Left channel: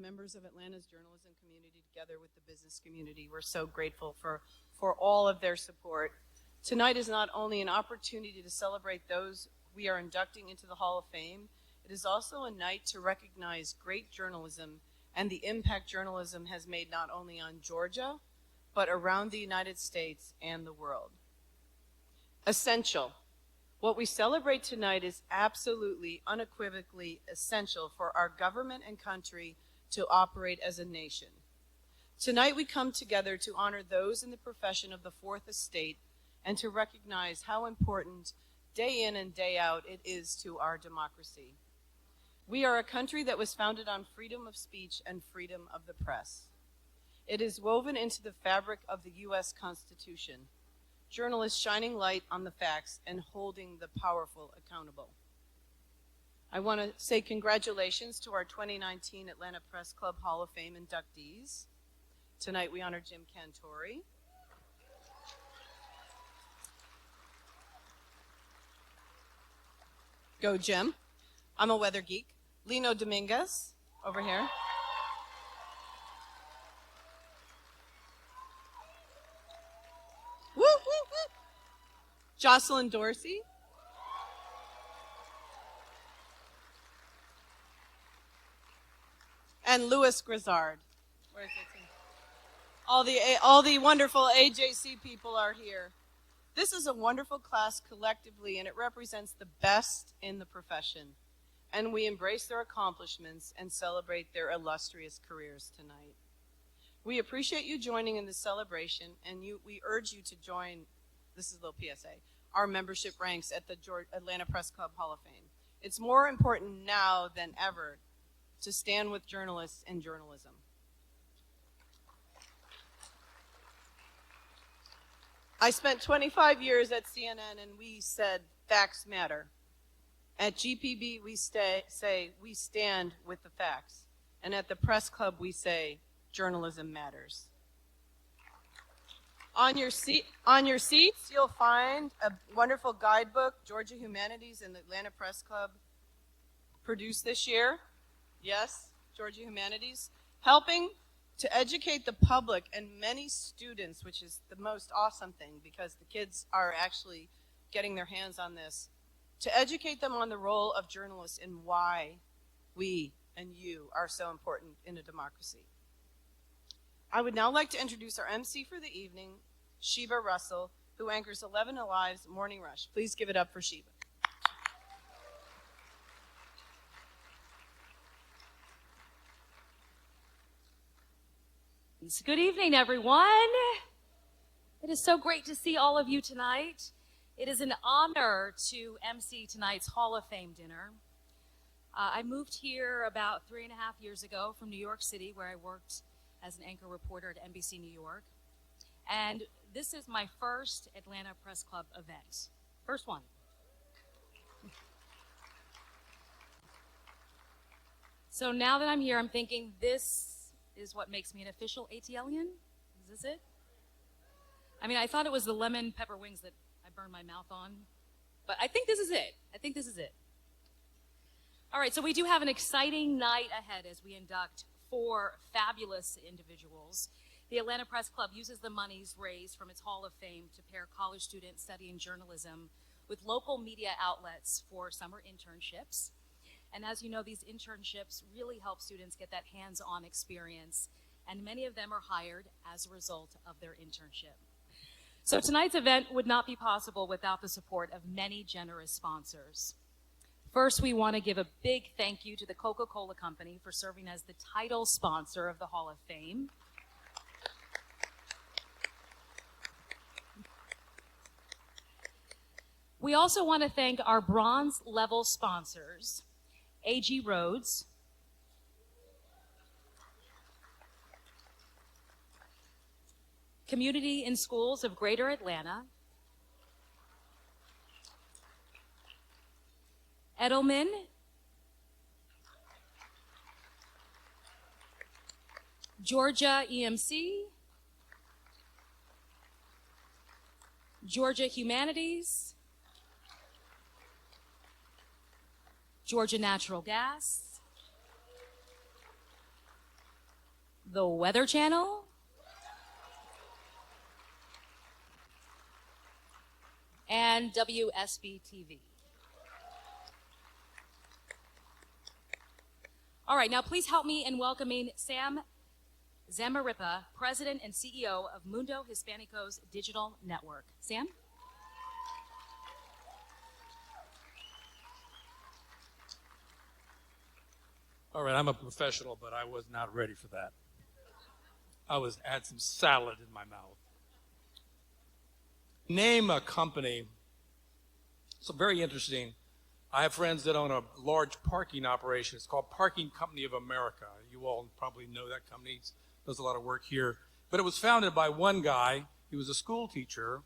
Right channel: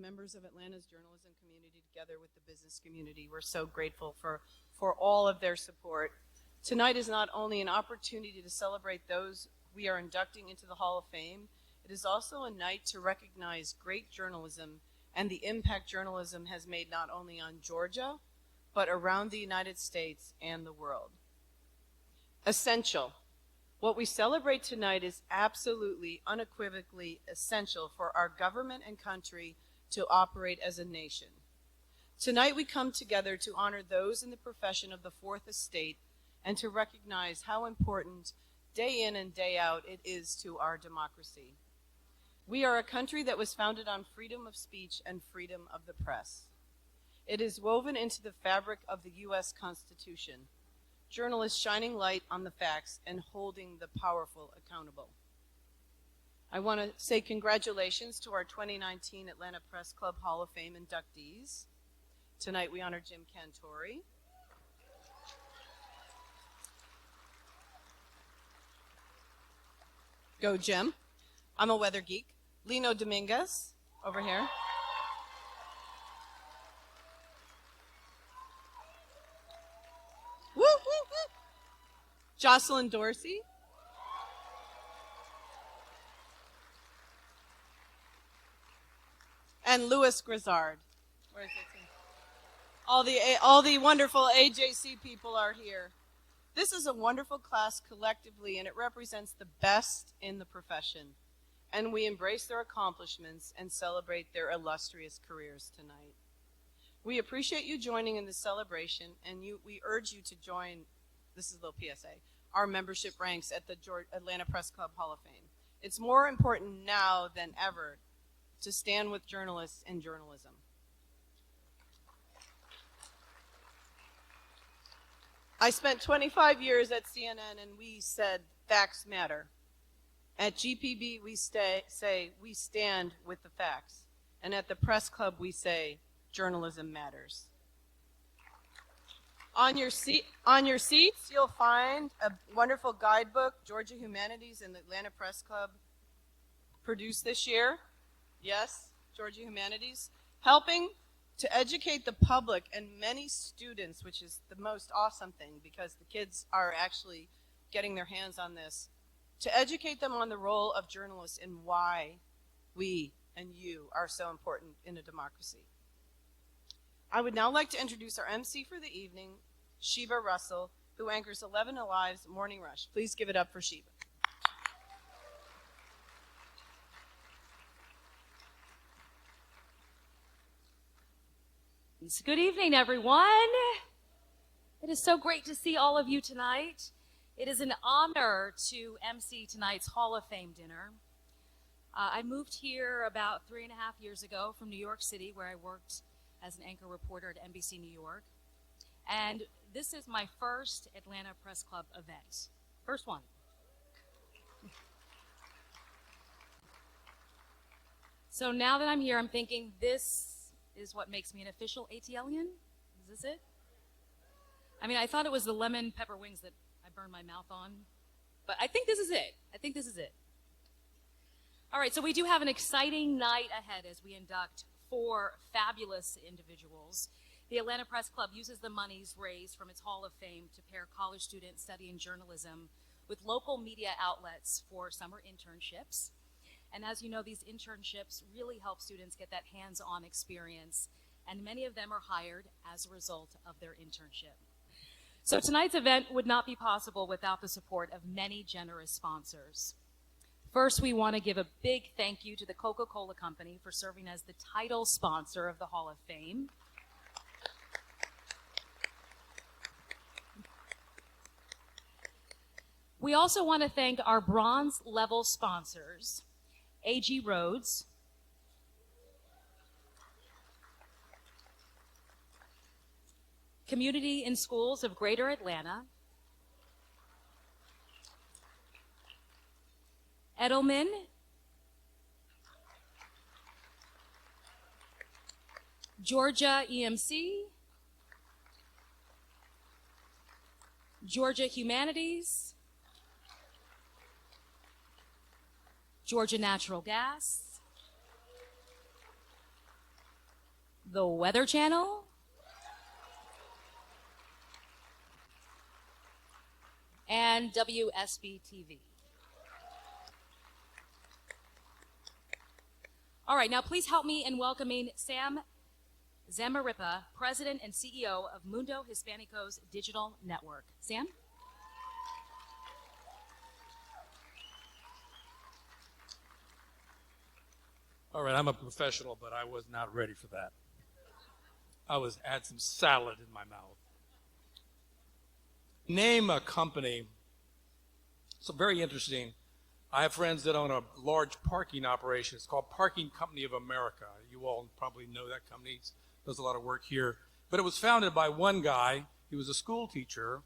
members of Atlanta's journalism community together with the business community. We're so grateful for all of their support. Tonight is not only an opportunity to celebrate those we are inducting into the Hall of Fame, it is also a night to recognize great journalism and the impact journalism has made not only on Georgia, but around the United States and the world. Essential. What we celebrate tonight is absolutely, unequivocally essential for our government and country to operate as a nation. Tonight we come together to honor those in the profession of the Fourth Estate and to recognize how important day in and day out it is to our democracy. We are a country that was founded on freedom of speech and freedom of the press. It is woven into the fabric of the U.S. Constitution. Journalists shining light on the facts and holding the powerful accountable. I want to say congratulations to our 2019 Atlanta Press Club Hall of Fame inductees. Tonight we honor Jim Cantori. Go Jim. I'm a weather geek. Lino Dominguez, over here. Woo, woo, woo. Jocelyn Dorsey. And Louis Grizzard. Where is it? All the wonderful AJC people are here. This is a wonderful class collectively, and it represents the best in the profession. And we embrace their accomplishments and celebrate their illustrious careers tonight. We appreciate you joining in this celebration, and we urge you to join, this is a little PSA, our membership ranks at the Atlanta Press Club Hall of Fame. It's more important now than ever to stand with journalists and journalism. I spent 25 years at CNN, and we said facts matter. At GPB, we say we stand with the facts. And at the Press Club, we say journalism matters. On your seats, you'll find a wonderful guidebook, Georgia Humanities and the Atlanta Press Club produced this year. Yes, Georgia Humanities. Helping to educate the public and many students, which is the most awesome thing because the kids are actually getting their hands on this, to educate them on the role of journalists and why we and you are so important in a democracy. I would now like to introduce our MC for the evening, Sheba Russell, who anchors 11 Alive's Morning Rush. Please give it up for Sheba. Good evening, everyone. It is so great to see all of you tonight. It is an honor to MC tonight's Hall of Fame dinner. I moved here about 3.5 years ago from New York City, where I worked as an anchor reporter at NBC New York. And this is my first Atlanta Press Club event. First one. So now that I'm here, I'm thinking this is what makes me an official ATLian. Is this it? I mean, I thought it was the lemon pepper wings that I burned my mouth on, but I think this is it. All right, so we do have an exciting night ahead as we induct 4 fabulous individuals. The Atlanta Press Club uses the monies raised from its Hall of Fame to pair college students studying journalism with local media outlets for summer internships. And as you know, these internships really help students get that hands-on experience, and many of them are hired as a result of their internship. So tonight's event would not be possible without the support of many generous sponsors. First, we want to give a big thank you to the Coca-Cola Company for serving as the title sponsor of the Hall of Fame. We also want to thank our bronze level sponsors, AG Rhodes, Community in Schools of Greater Atlanta, Edelman, Georgia EMC, Georgia Humanities, Georgia Natural Gas, the Weather Channel, and WSB TV. All right, now please help me in welcoming Sam Zamarripa, President and CEO of Mundo Hispanico's Digital Network. Sam? All right, I'm a professional, but I was not ready for that. I had some salad in my mouth. Name a company. So very interesting. I have friends that own a large parking operation. It's called Parking Company of America. You all probably know that company. It does a lot of work here. But it was founded by one guy. He was a school teacher,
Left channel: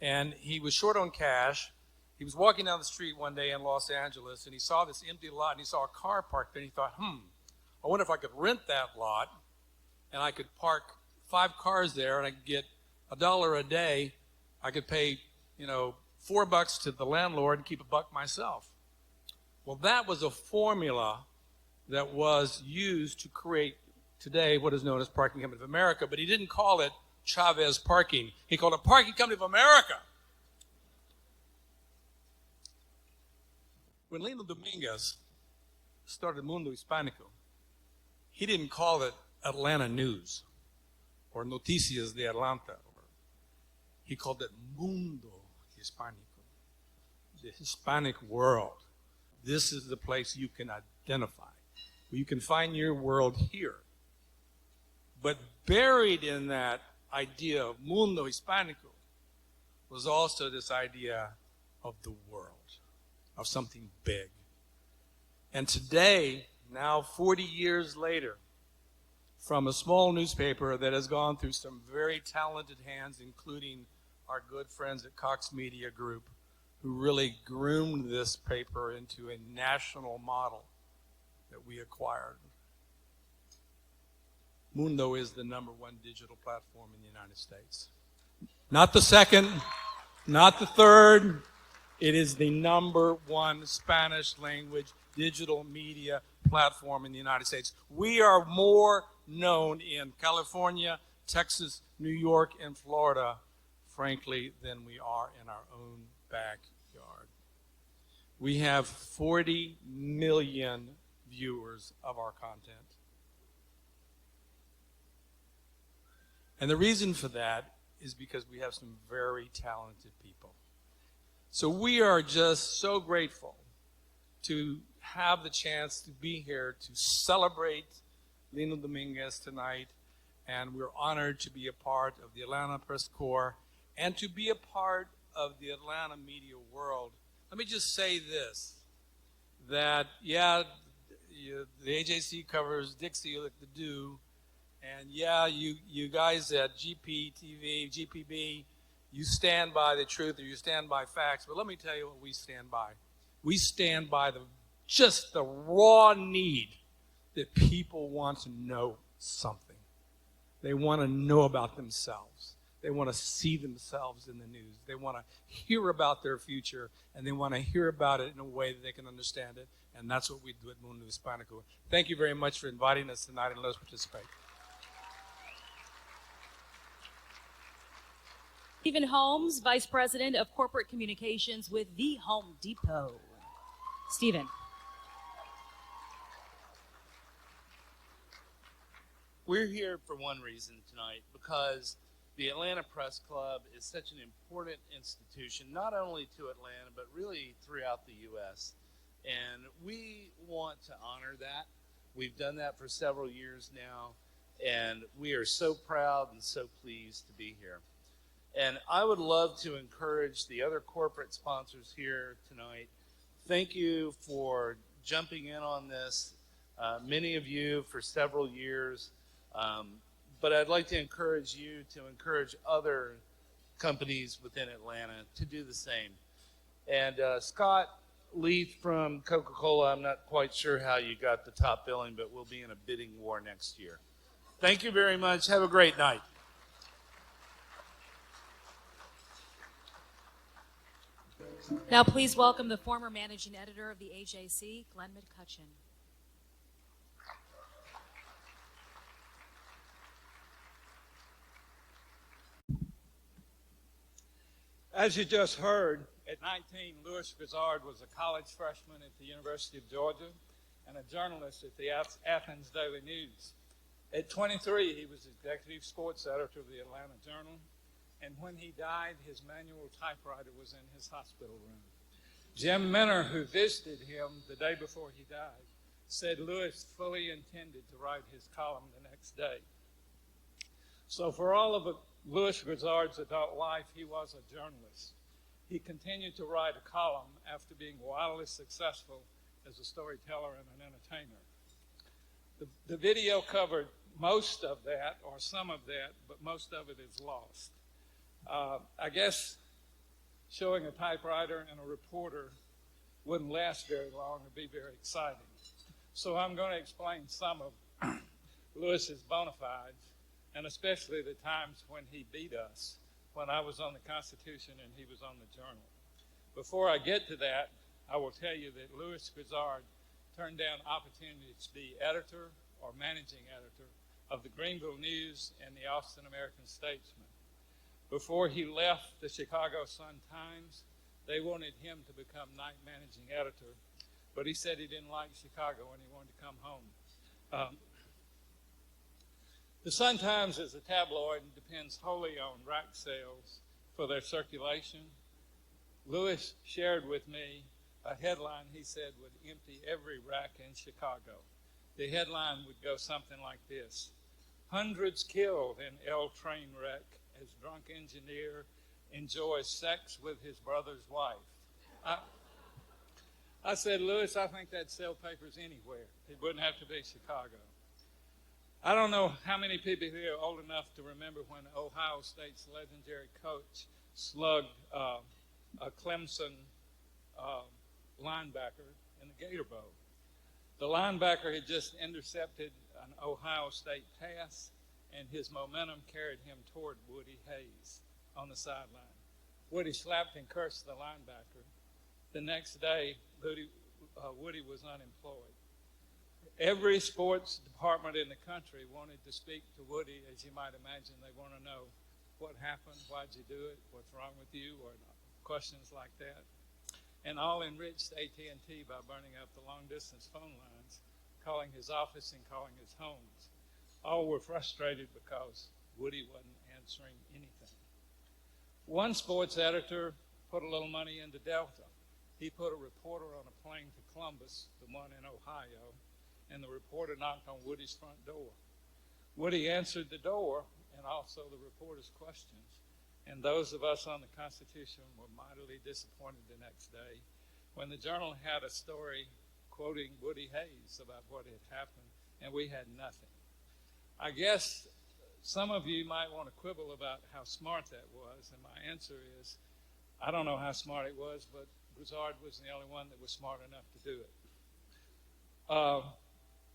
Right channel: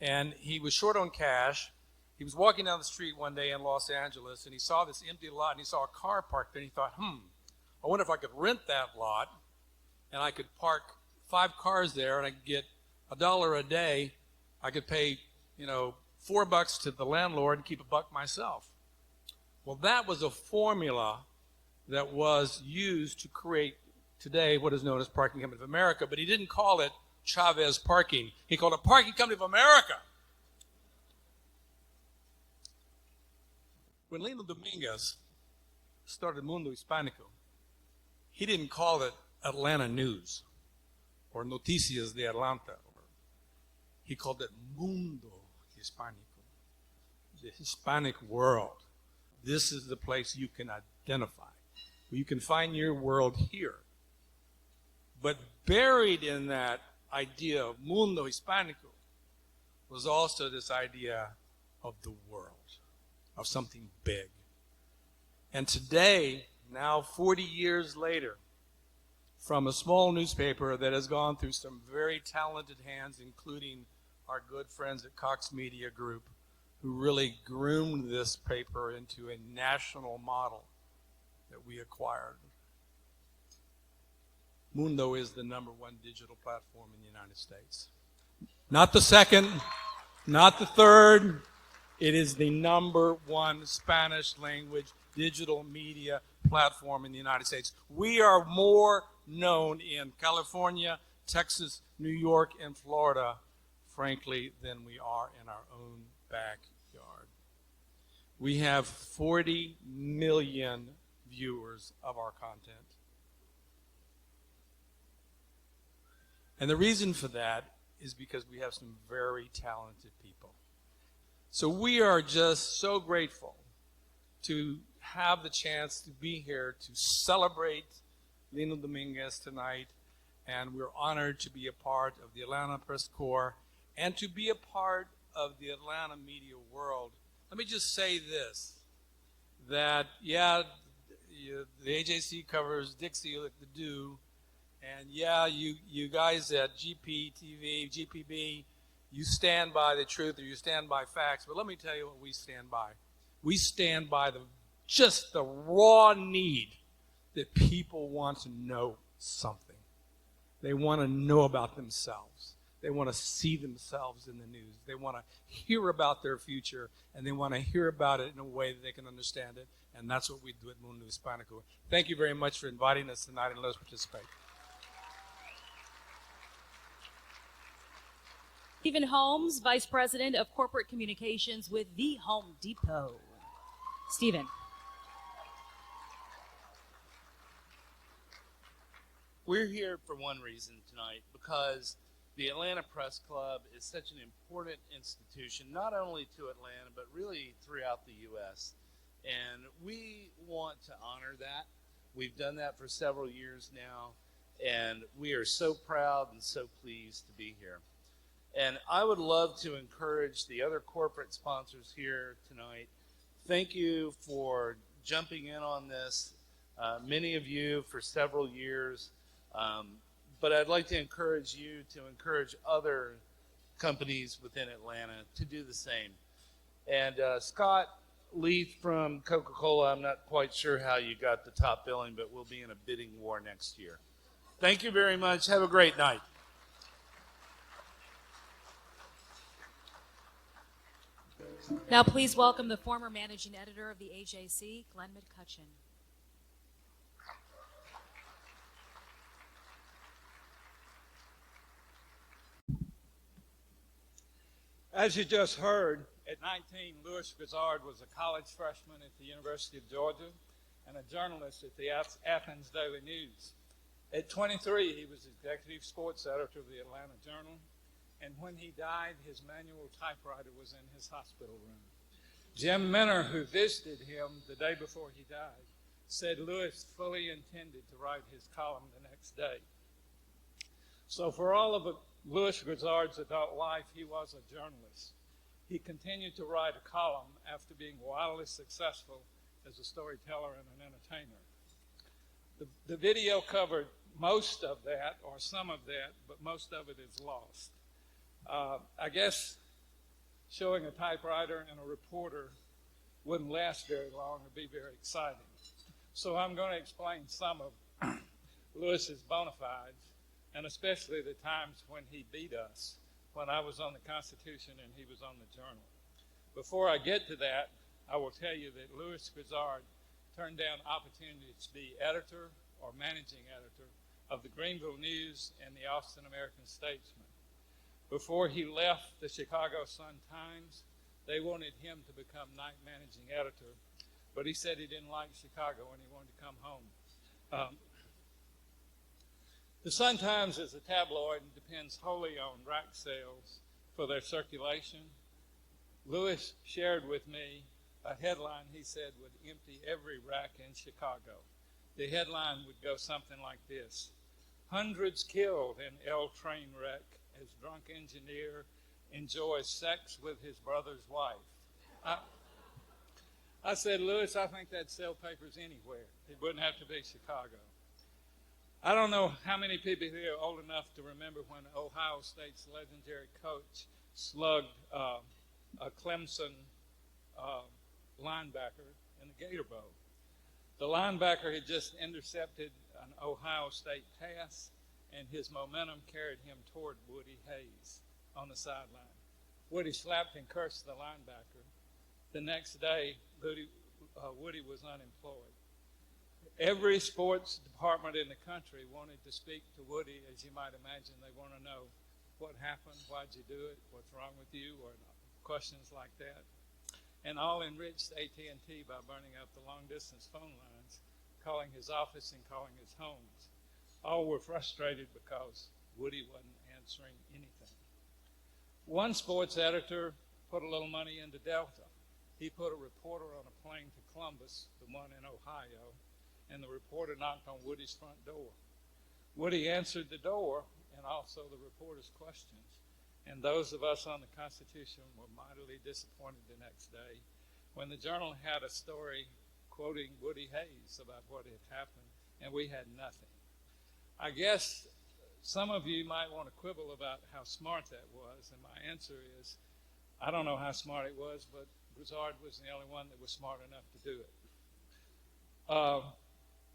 and he was short on cash. He was walking down the street one day in Los Angeles, and he saw this empty lot, and he saw a car parked there. And he thought, I wonder if I could rent that lot, and I could park 5 cars there, and I could get $1 a day. I could pay, $4 to the landlord and keep $1 myself. Well, that was a formula that was used to create today what is known as Parking Company of America, but he didn't call it Chavez Parking. He called it Parking Company of America. When Lino Dominguez started Mundo Hispanico, he didn't call it Atlanta News or Noticias de Atlanta. He called it Mundo Hispanico, the Hispanic world. This is the place you can identify, where you can find your world here. But buried in that idea of Mundo Hispanico was also this idea of the world, of something big. And today, now 40 years later, from a small newspaper that has gone through some very talented hands, including our good friends at Cox Media Group, who really groomed this paper into a national model that we acquired. Mundo is the #1 digital platform in the United States. Not the second, not the third. It is the #1 Spanish language digital media platform in the United States. We are more known in California, Texas, New York, and Florida, frankly, than we are in our own backyard. We have 40 million viewers of our content. And the reason for that is because we have some very talented people. So we are just so grateful to have the chance to be here to celebrate Lino Dominguez tonight. And we're honored to be a part of the Atlanta Press Corps and to be a part of the Atlanta media world. Let me just say this, that, the AJC covers Dixie like the do, and you guys at GPTV, GPB, you stand by the truth or you stand by facts, but let me tell you what we stand by. We stand by just the raw need that people want to know something. They want to know about themselves. They want to see themselves in the news. They want to hear about their future, and they want to hear about it in a way that they can understand it, and that's what we do at Mundo Hispanico. Thank you very much for inviting us tonight, and let us participate. Stephen Holmes, Vice President of Corporate Communications with The Home Depot. Stephen. We're here for one reason tonight, because the Atlanta Press Club is such an important institution, not only to Atlanta, but really throughout the U.S. And we want to honor that. We've done that for several years now, and we are so proud and so pleased to be here. And I would love to encourage the other corporate sponsors here tonight. Thank you for jumping in on this, many of you for several years. But I'd like to encourage you to encourage other companies within Atlanta to do the same. And Scott Leith from Coca-Cola, I'm not quite sure how you got the top billing, but we'll be in a bidding war next year. Thank you very much. Have a great night. Now please welcome the former managing editor of the AJC, Glenn McCutcheon. As you just heard, at 19, Louis Grizzard was a college freshman at the University of Georgia and a journalist at the Athens Daily News. At 23, he was executive sports editor of the Atlanta Journal, and when he died, his manual typewriter was in his hospital room. Jim Minner, who visited him the day before he died, said Louis fully intended to write his column the next day. So for all of Louis Grizzard's adult life, he was a journalist. He continued to write a column after being wildly successful as a storyteller and an entertainer. The video covered most of that, or some of that, but most of it is lost. I guess showing a typewriter and a reporter wouldn't last very long or be very exciting. So I'm going to explain some of Louis's bona fides, and especially the times when he beat us, when I was on the Constitution and he was on the Journal. Before I get to that, I will tell you that Louis Grizzard turned down opportunities to be editor or managing editor of the Greenville News and the Austin American-Statesman. Before he left the Chicago Sun-Times, they wanted him to become night managing editor, but he said he didn't like Chicago and he wanted to come home. The Sun-Times is a tabloid and depends wholly on rack sales for their circulation. Louis shared with me a headline he said would empty every rack in Chicago. The headline would go something like this: "Hundreds killed in L train wreck as drunk engineer enjoys sex with his brother's wife." I said, Louis, I think that'd sell papers anywhere. It wouldn't have to be Chicago. I don't know how many people here are old enough to remember when Ohio State's legendary coach slugged a Clemson linebacker in the Gator Bowl. The linebacker had just intercepted an Ohio State pass, and his momentum carried him toward Woody Hayes on the sideline. Woody slapped and cursed the linebacker. The next day, Woody was unemployed. Every sports department in the country wanted to speak to Woody. As you might imagine, they want to know what happened, why'd you do it, what's wrong with you, or questions like that. And all enriched AT&T by burning up the long-distance phone lines, calling his office and calling his homes. All were frustrated because Woody wasn't answering anything. One sports editor put a little money into Delta. He put a reporter on a plane to Columbus, the one in Ohio, and the reporter knocked on Woody's front door. Woody answered the door and also the reporter's questions, and those of us on the Constitution were mightily disappointed the next day when the Journal had a story quoting Woody Hayes about what had happened, and we had nothing. I guess some of you might want to quibble about how smart that was, and my answer is, I don't know how smart it was, but Grizzard was the only one that was smart enough to do it.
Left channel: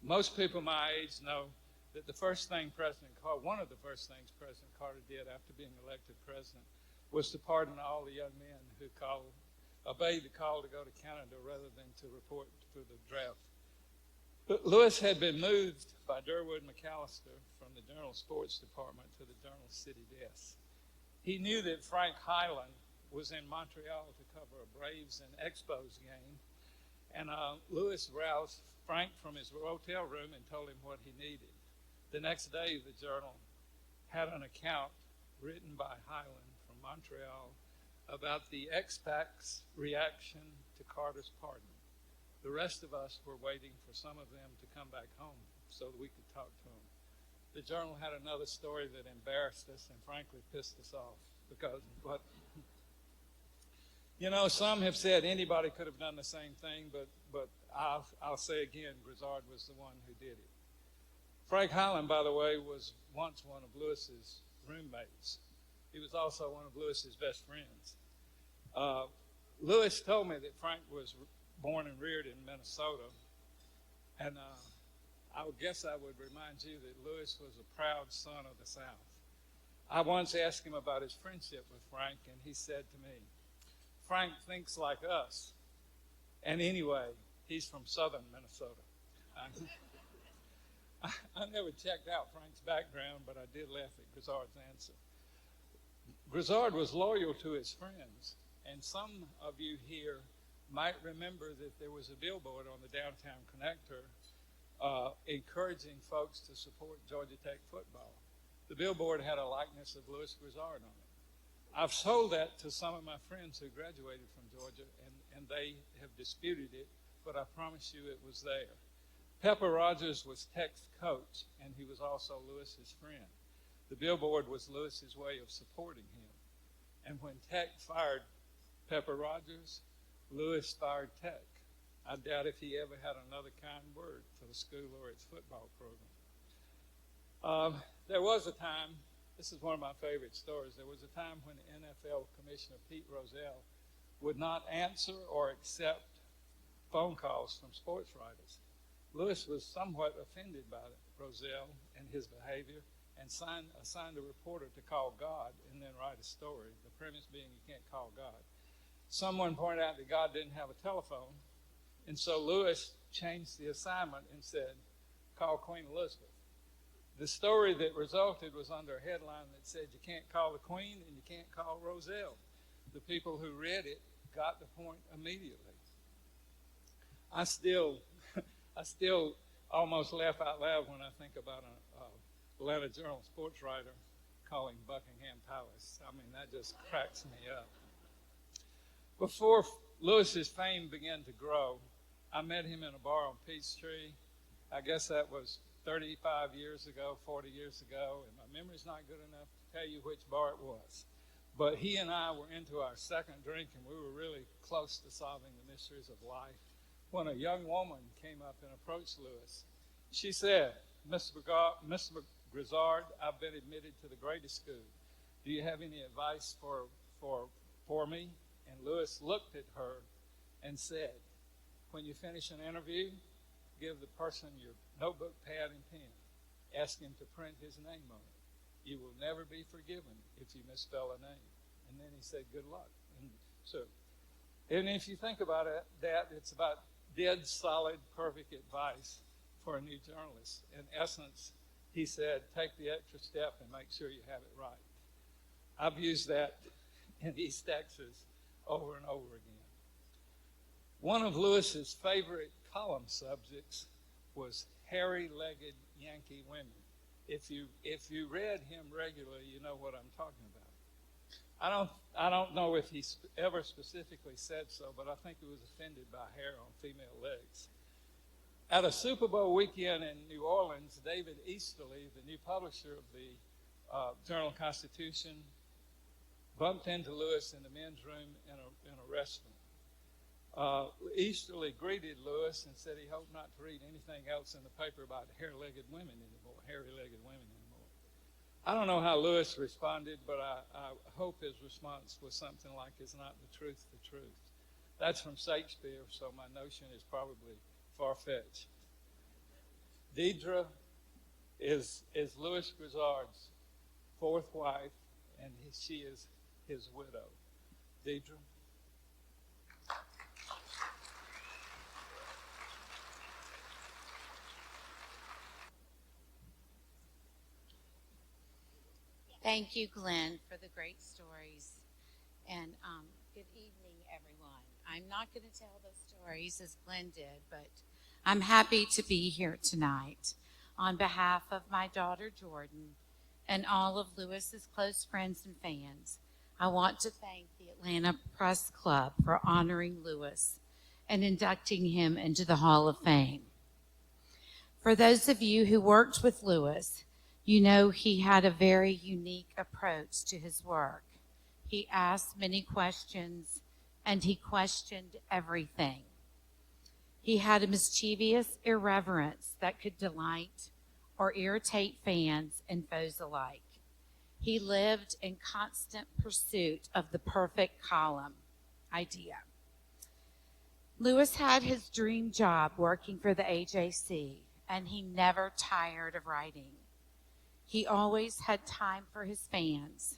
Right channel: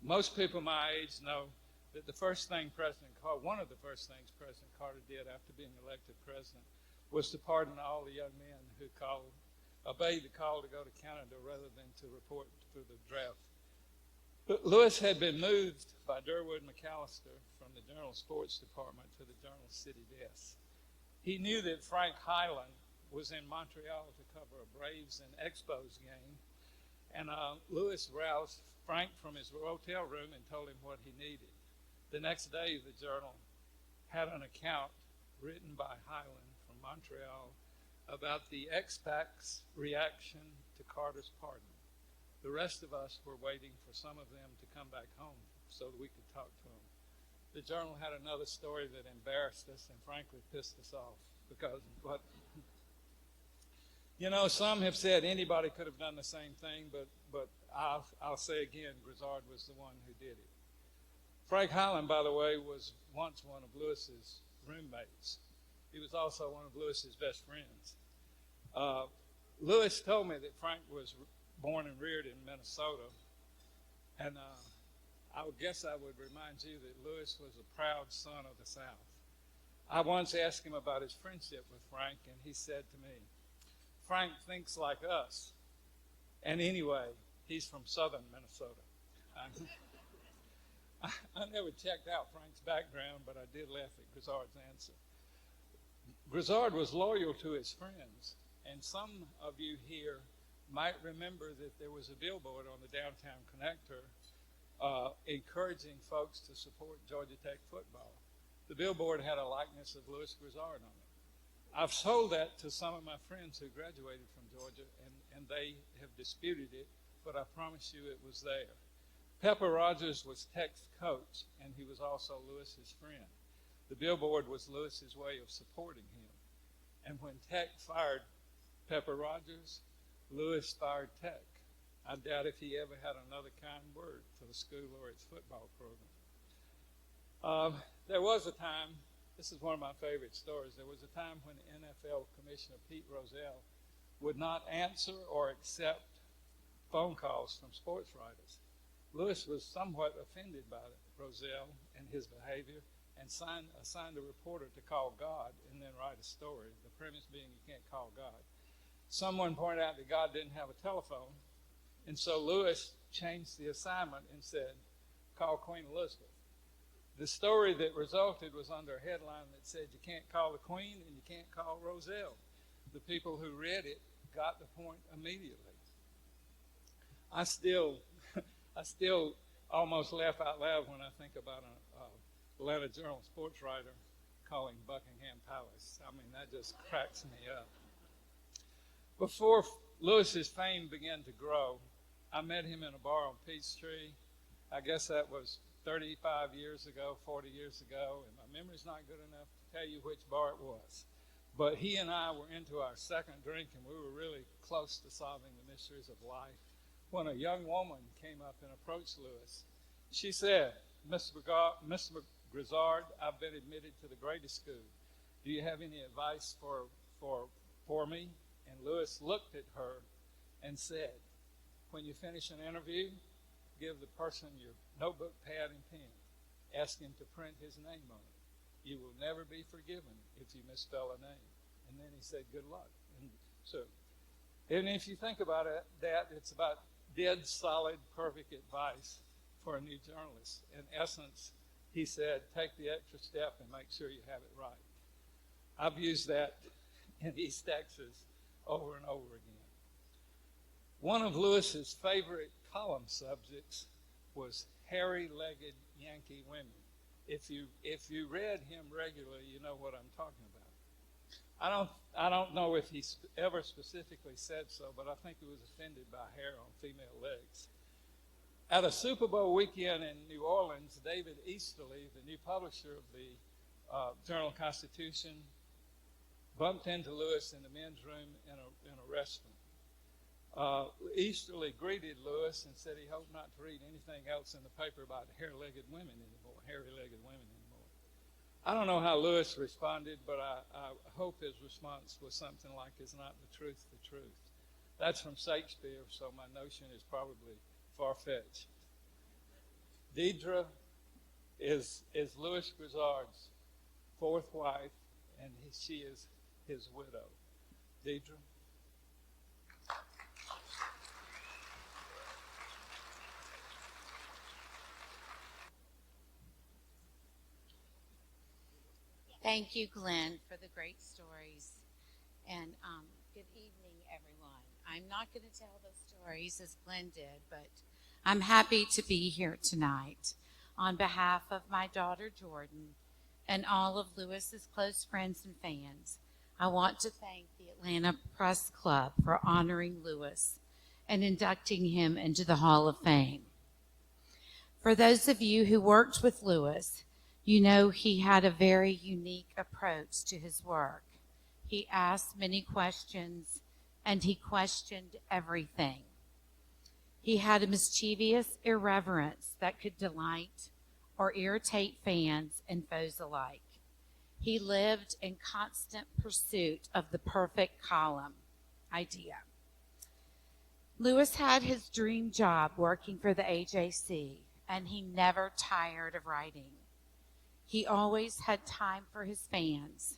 Most people my age know that one of the first things President Carter did after being elected president was to pardon all the young men who obeyed the call to go to Canada rather than to report for the draft. Louis had been moved by Durwood McAllister from the Journal Sports Department to the Journal City desk. He knew that Frank Highland was in Montreal to cover a Braves and Expos game, and Louis roused Frank from his hotel room and told him what he needed. The next day, the Journal had an account written by Highland from Montreal about the expats' reaction to Carter's pardon. The rest of us were waiting for some of them to come back home so that we could talk to them. The Journal had another story that embarrassed us and frankly pissed us off because some have said anybody could have done the same thing, but I'll say again, Grizzard was the one who did it. Frank Highland, by the way, was once one of Louis's roommates. He was also one of Louis's best friends. Louis told me that Frank was born and reared in Minnesota, and I guess I would remind you that Louis was a proud son of the South. I once asked him about his friendship with Frank, and he said to me, "Frank thinks like us, and anyway, he's from southern Minnesota." I never checked out Frank's background, but I did laugh at Grizzard's answer. Grizzard was loyal to his friends, and some of you here might remember that there was a billboard on the downtown connector encouraging folks to support Georgia Tech football. The billboard had a likeness of Louis Grizzard on it. I've sold that to some of my friends who graduated from Georgia, and they have disputed it, but I promise you it was there. Pepper Rogers was Tech's coach, and he was also Lewis's friend. The billboard was Lewis's way of supporting him. And when Tech fired Pepper Rogers, Lewis fired Tech. I doubt if he ever had another kind word for the school or its football program. There was a time, this is one of my favorite stories, there was a time when NFL Commissioner Pete Rozelle would not answer or accept phone calls from sports writers. Lewis was somewhat offended by Rozelle and his behavior and assigned a reporter to call God and then write a story, the premise being you can't call God. Someone pointed out that God didn't have a telephone, and so Lewis changed the assignment and said, call Queen Elizabeth. The story that resulted was under a headline that said you can't call the Queen and you can't call Rozelle. The people who read it got the point immediately. I still almost laugh out loud when I think about an Atlanta Journal sports writer calling Buckingham Palace. I mean, that just cracks me up. Before Lewis's fame began to grow, I met him in a bar on Peachtree. I guess that was 35 years ago, 40 years ago, and my memory's not good enough to tell you which bar it was. But he and I were into our second drink, and we were really close to solving the mysteries of life when a young woman came up and approached Lewis. She said, Mr. Grizzard, I've been admitted to the greatest school. Do you have any advice for me? And Lewis looked at her and said, when you finish an interview, give the person your notebook, pad, and pen. Ask him to print his name on it. You will never be forgiven if you misspell a name. And then he said, good luck. And if you think about it, it's about dead, solid, perfect advice for a new journalist. In essence, he said, take the extra step and make sure you have it right. I've used that in East Texas over and over again. One of Lewis's favorite column subjects was hairy-legged Yankee women. If you read him regularly, you know what I'm talking about. I don't know if he ever specifically said so, but I think he was offended by hair on female legs. At a Super Bowl weekend in New Orleans, David Easterly, the new publisher of the Journal-Constitution, bumped into Lewis in the men's room in a restaurant. Easterly greeted Lewis and said he hoped not to read anything else in the paper about hairy-legged women anymore. I don't know how Lewis responded, but I hope his response was something like, is not the truth the truth? That's from Shakespeare, so my notion is probably far-fetched. Deidre is Louis Grizzard's fourth wife, and she is his widow. Deidre. Thank you, Glenn, for the great stories. And good evening, everyone. I'm not going to tell those stories as Glenn did, but I'm happy to be here tonight. On behalf of my daughter, Jordan, and all of Lewis's close friends and fans, I want to thank the Atlanta Press Club for honoring Lewis and inducting him into the Hall of Fame. For those of you who worked with Lewis, you know he had a very unique approach to his work. He asked many questions, and he questioned everything. He had a mischievous irreverence that could delight or irritate fans and foes alike. He lived in constant pursuit of the perfect column idea. Lewis had his dream job working for the AJC, and he never tired of writing. He always had time for his fans.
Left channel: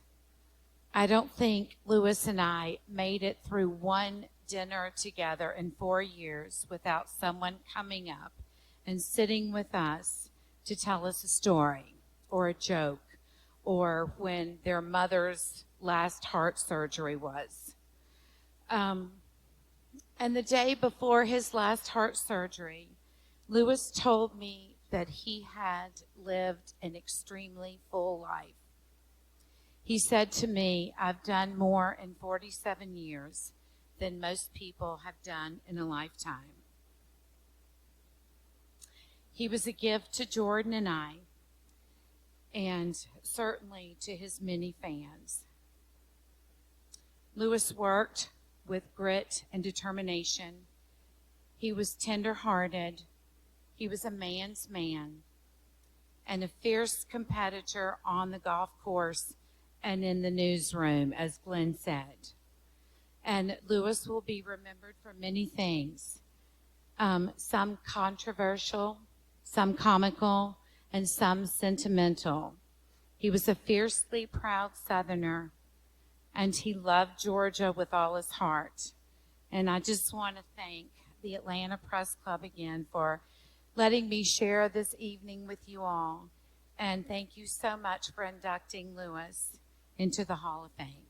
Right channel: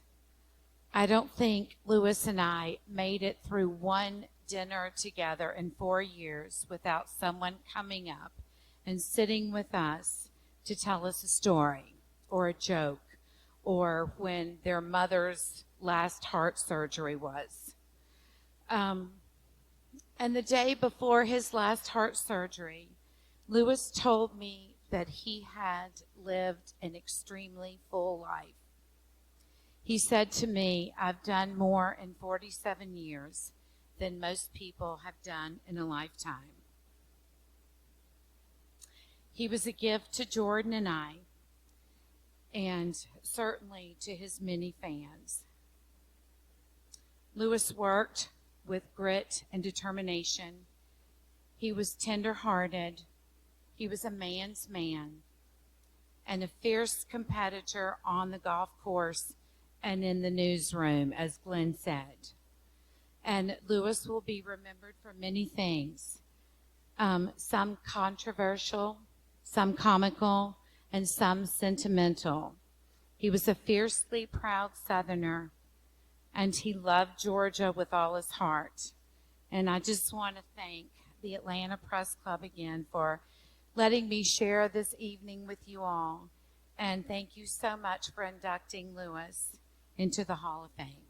I don't think Lewis and I made it through one dinner together in 4 years without someone coming up and sitting with us to tell us a story or a joke, or when their mother's last heart surgery was. And the day before his last heart surgery, Lewis told me that he had lived an extremely full life. He said to me, "I've done more in 47 years than most people have done in a lifetime." He was a gift to Jordan and I, and certainly to his many fans. Lewis worked with grit and determination. He was tender-hearted. He was a man's man and a fierce competitor on the golf course and in the newsroom, as Glenn said. And Lewis will be remembered for many things, some controversial, some comical, and some sentimental. He was a fiercely proud Southerner, and he loved Georgia with all his heart. And I just want to thank the Atlanta Press Club again for letting me share this evening with you all. And thank you so much for inducting Lewis into the Hall of Fame.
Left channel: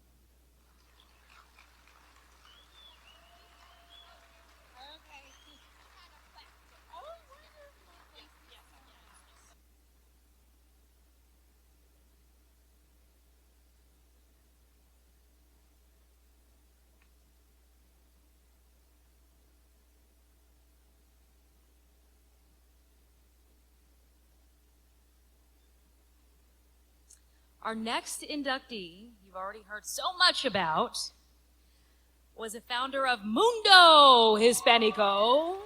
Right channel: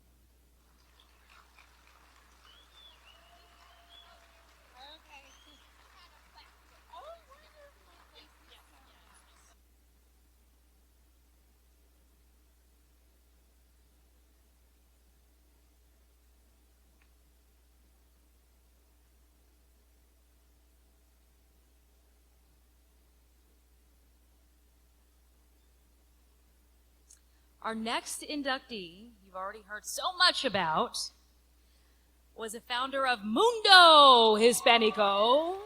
Our next inductee, you've already heard so much about, was a founder of Mundo Hispanico,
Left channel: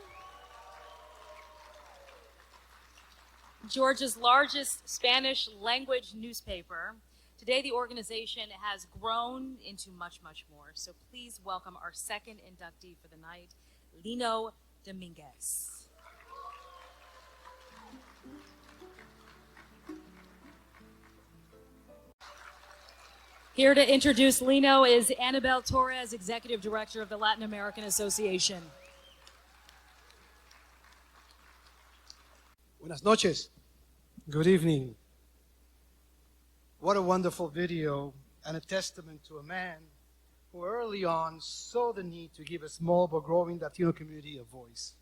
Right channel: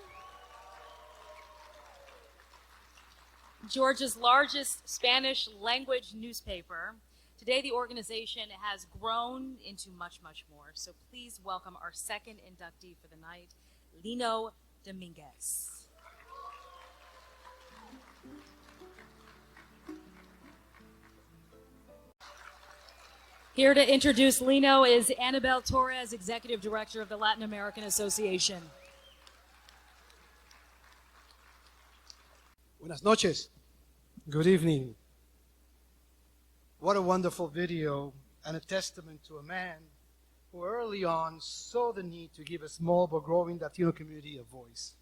Georgia's largest Spanish language newspaper. Today, the organization has grown into much, much more. So please welcome our second inductee for the night, Lino Dominguez. Here to introduce Lino is Annabelle Torres, Executive Director of the Latin American Association. Buenas noches. Good evening. What a wonderful video and a testament to a man who early on saw the need to give a small but growing Latino community a voice.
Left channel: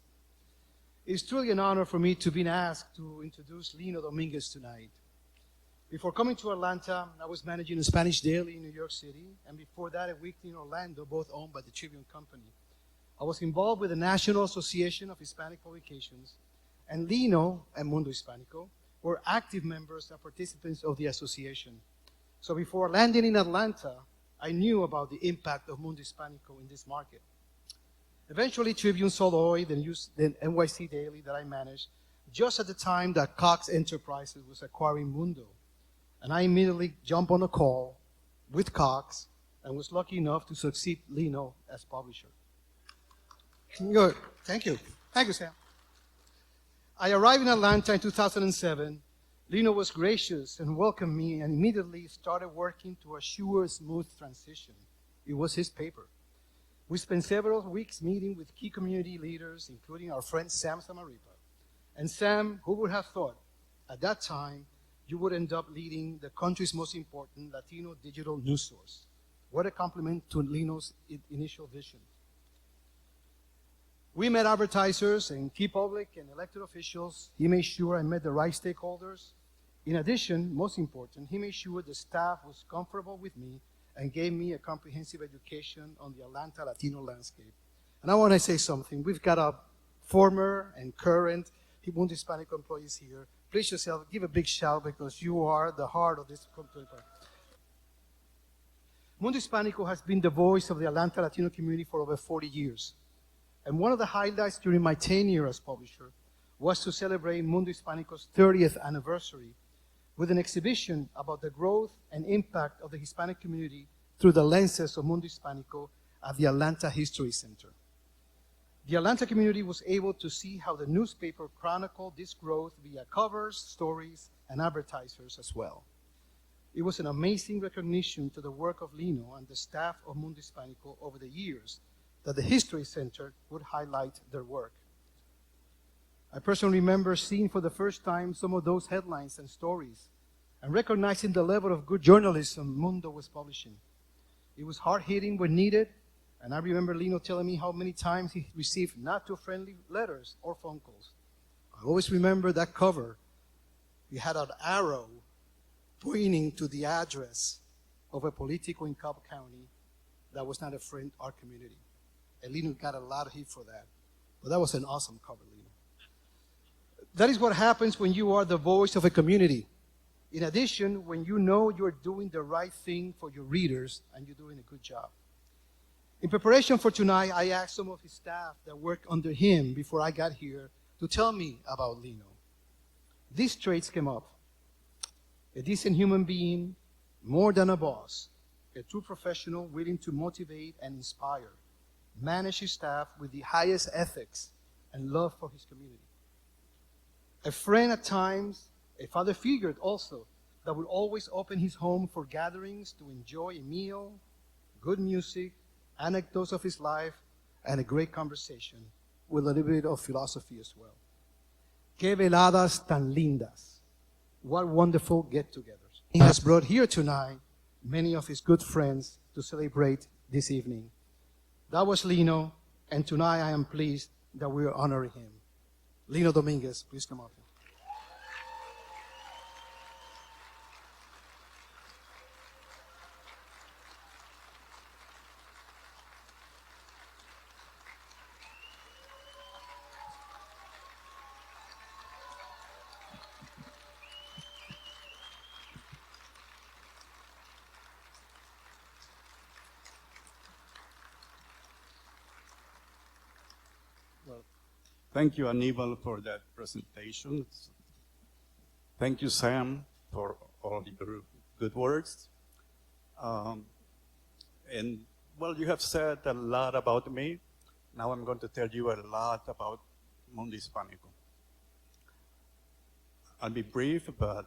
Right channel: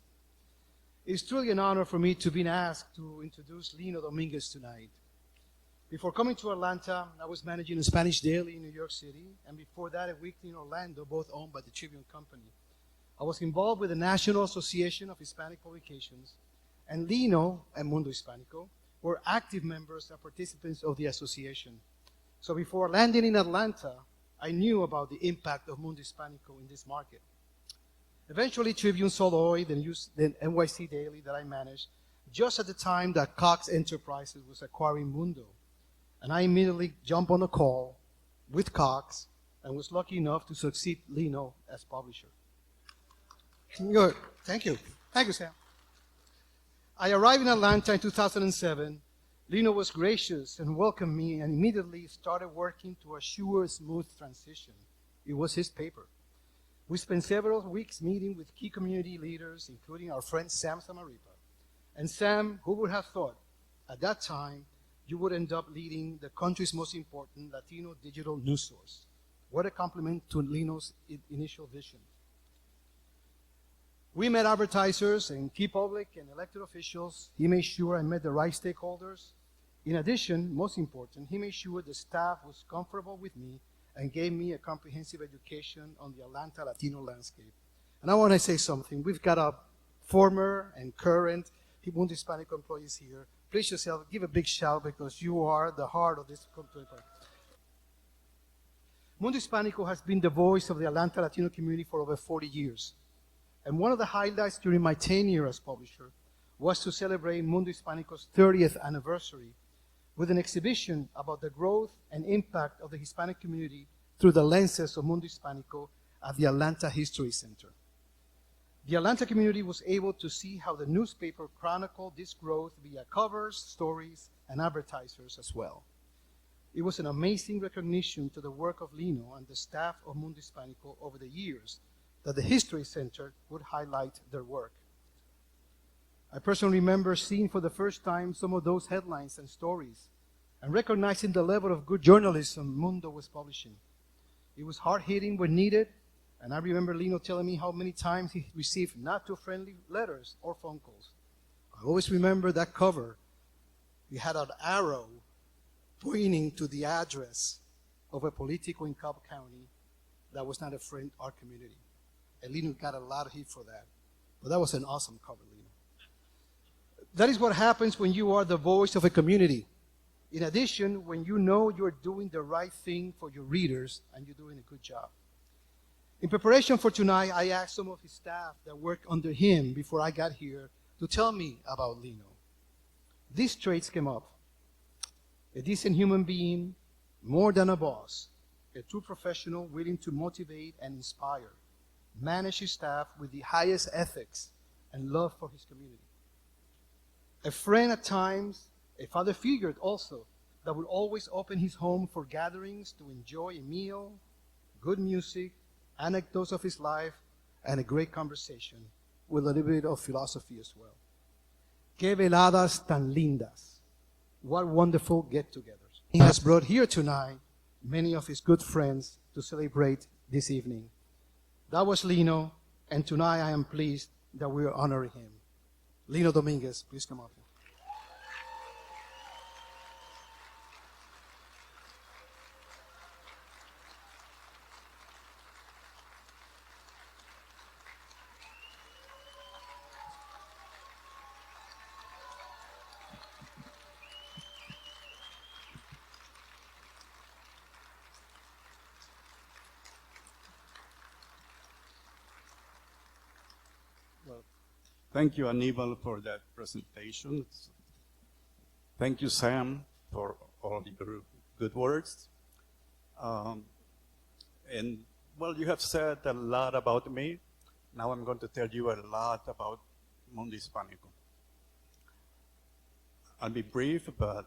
It is truly an honor for me to be asked to introduce Lino Dominguez tonight. Before coming to Atlanta, I was managing a Spanish daily in New York City, and before that, a weekly in Orlando, both owned by the Tribune Company. I was involved with the National Association of Hispanic Publications, and Lino and Mundo Hispanico were active members and participants of the association. So before landing in Atlanta, I knew about the impact of Mundo Hispanico in this market. Eventually, Tribune sold OI, the NYC daily that I managed, just at the time that Cox Enterprises was acquiring Mundo. And I immediately jumped on a call with Cox and was lucky enough to succeed Lino as publisher. Good. Thank you. Thank you, Sam. I arrived in Atlanta in 2007. Lino was gracious and welcomed me and immediately started working to assure a smooth transition. It was his paper. We spent several weeks meeting with key community leaders, including our friend Sam Samaripa. And Sam, who would have thought at that time you would end up leading the country's most important Latino digital news source. What a compliment to Lino's initial vision. We met advertisers and key public and elected officials. He made sure I met the right stakeholders. In addition, most important, he made sure the staff was comfortable with me and gave me a comprehensive education on the Atlanta Latino landscape. And I want to say something. We've got a former and current Mundo Hispanico employees here. Please yourself, give a big shout because you are the heart of this company. Mundo Hispanico has been the voice of the Atlanta Latino community for over 40 years. And one of the highlights during my tenure as publisher was to celebrate Mundo Hispanico's 30th anniversary with an exhibition about the growth and impact of the Hispanic community through the lenses of Mundo Hispanico at the Atlanta History Center. The Atlanta community was able to see how the newspaper chronicled this growth via covers, stories, and advertisers as well. It was an amazing recognition to the work of Lino and the staff of Mundo Hispanico over the years that the History Center would highlight their work. I personally remember seeing for the first time some of those headlines and stories and recognizing the level of good journalism Mundo was publishing. It was hard-hitting when needed, and I remember Lino telling me how many times he received not-too-friendly letters or phone calls. I always remember that cover. It had an arrow pointing to the address of a politico in Cobb County that was not a friend of our community. And Lino got a lot of heat for that. But that was an awesome cover, Lino. That is what happens when you are the voice of a community. In addition, when you know you're doing the right thing for your readers and you're doing a good job. In preparation for tonight, I asked some of his staff that worked under him before I got here to tell me about Lino. These traits came up. A decent human being, more than a boss, a true professional willing to motivate and inspire, manage his staff with the highest ethics and love for his community. A friend at times, a father figure also, that will always open his home for gatherings to enjoy a meal, good music, anecdotes of his life, and a great conversation with a little bit of philosophy as well. Qué veladas tan lindas. What wonderful get-togethers. He has brought here tonight many of his good friends to celebrate this evening. That was Lino, and tonight I am pleased that we are honoring him. Lino Dominguez, please come up. Thank you, Aníbal, for that presentation. Thank you, Sam, for all your good words. And, well, you have said a lot about me. Now I'm going to tell you a lot about Mundo Hispánico. I'll be brief, but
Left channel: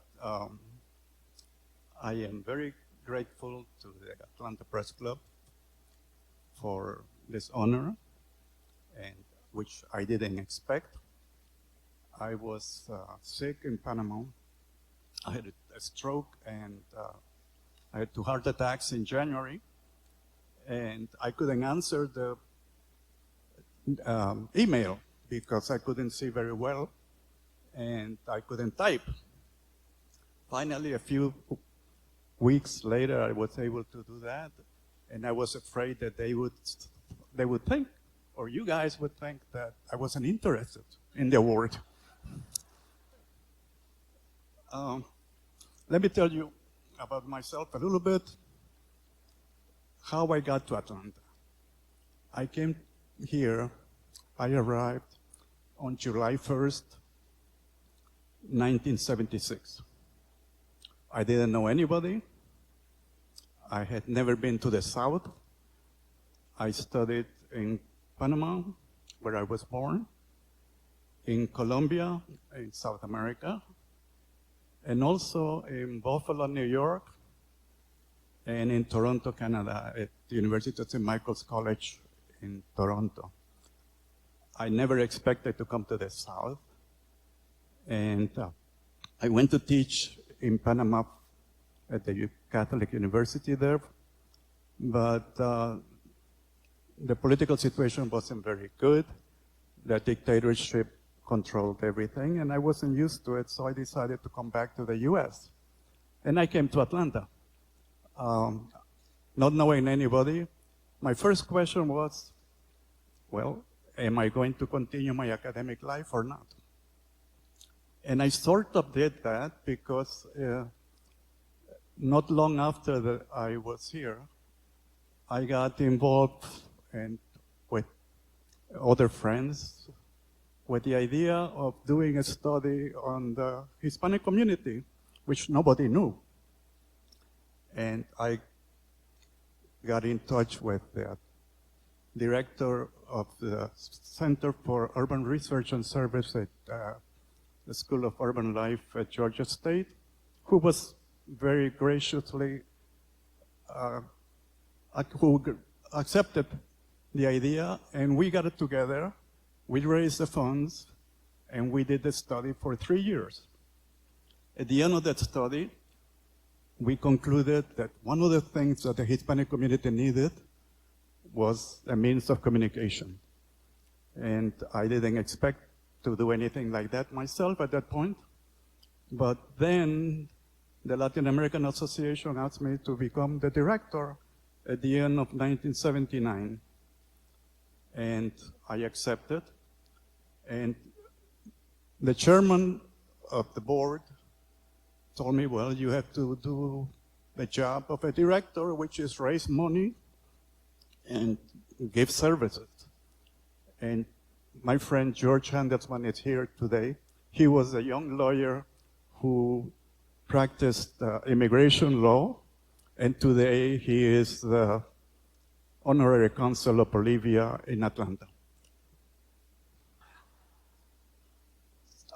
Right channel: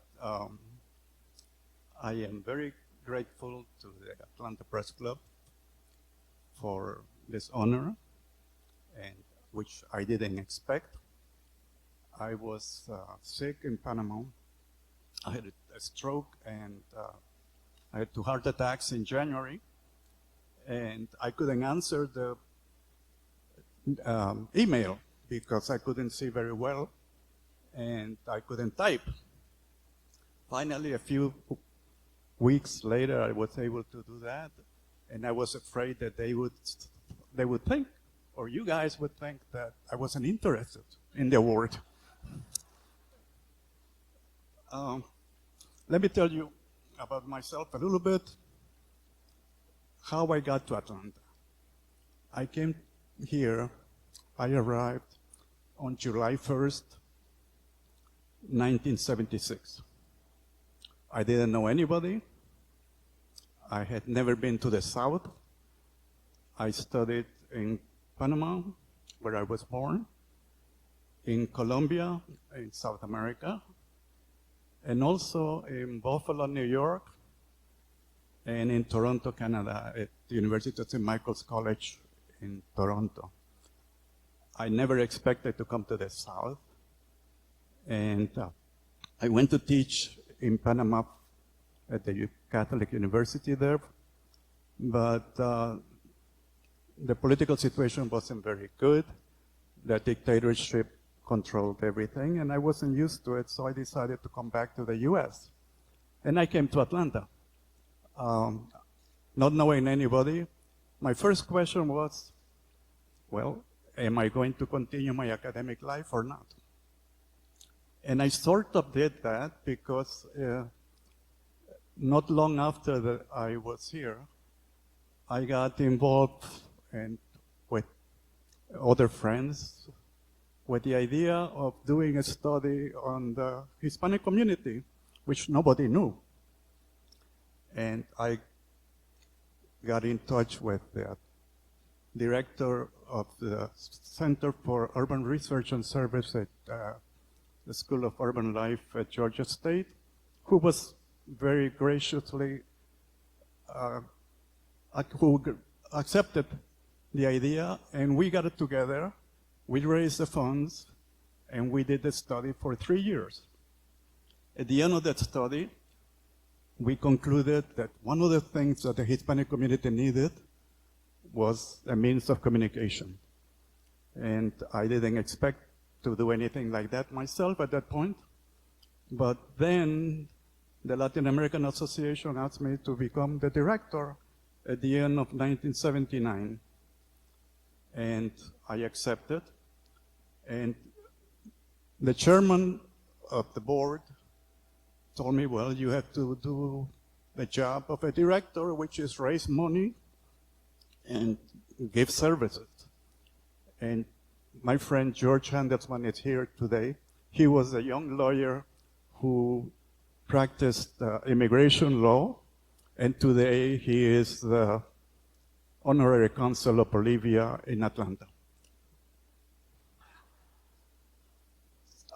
I am very grateful to the Atlanta Press Club for this honor, and which I didn't expect. I was sick in Panama. I had a stroke, and I had 2 heart attacks in January, and I couldn't answer the email because I couldn't see very well, and I couldn't type. Finally, a few weeks later, I was able to do that, and I was afraid that they would think, or you guys would think, that I wasn't interested in the award. Let me tell you about myself a little bit, how I got to Atlanta. I came here, I arrived on July 1st, 1976. I didn't know anybody. I had never been to the South. I studied in Panama, where I was born, in Colombia, in South America, and also in Buffalo, New York, and in Toronto, Canada, at the University of St. Michael's College in Toronto. I never expected to come to the South, and I went to teach in Panama at the Catholic University there, but the political situation wasn't very good. The dictatorship controlled everything, and I wasn't used to it, so I decided to come back to the U.S. And I came to Atlanta, not knowing anybody. My first question was, well, am I going to continue my academic life or not? And I sort of did that because not long after I was here, I got involved and with other friends with the idea of doing a study on the Hispanic community, which nobody knew. And I got in touch with the director of the Center for Urban Research and Service at the School of Urban Life at Georgia State, who was very graciously who accepted the idea, and we got it together. We raised the funds, and we did the study for 3 years. At the end of that study, we concluded that one of the things that the Hispanic community needed was a means of communication. And I didn't expect to do anything like that myself at that point. But then the Latin American Association asked me to become the director at the end of 1979. And I accepted. And the chairman of the board told me, well, you have to do the job of a director, which is raise money and give services. And my friend George Handelsman is here today. He was a young lawyer who practiced immigration law, and today he is the honorary consul of Bolivia in Atlanta.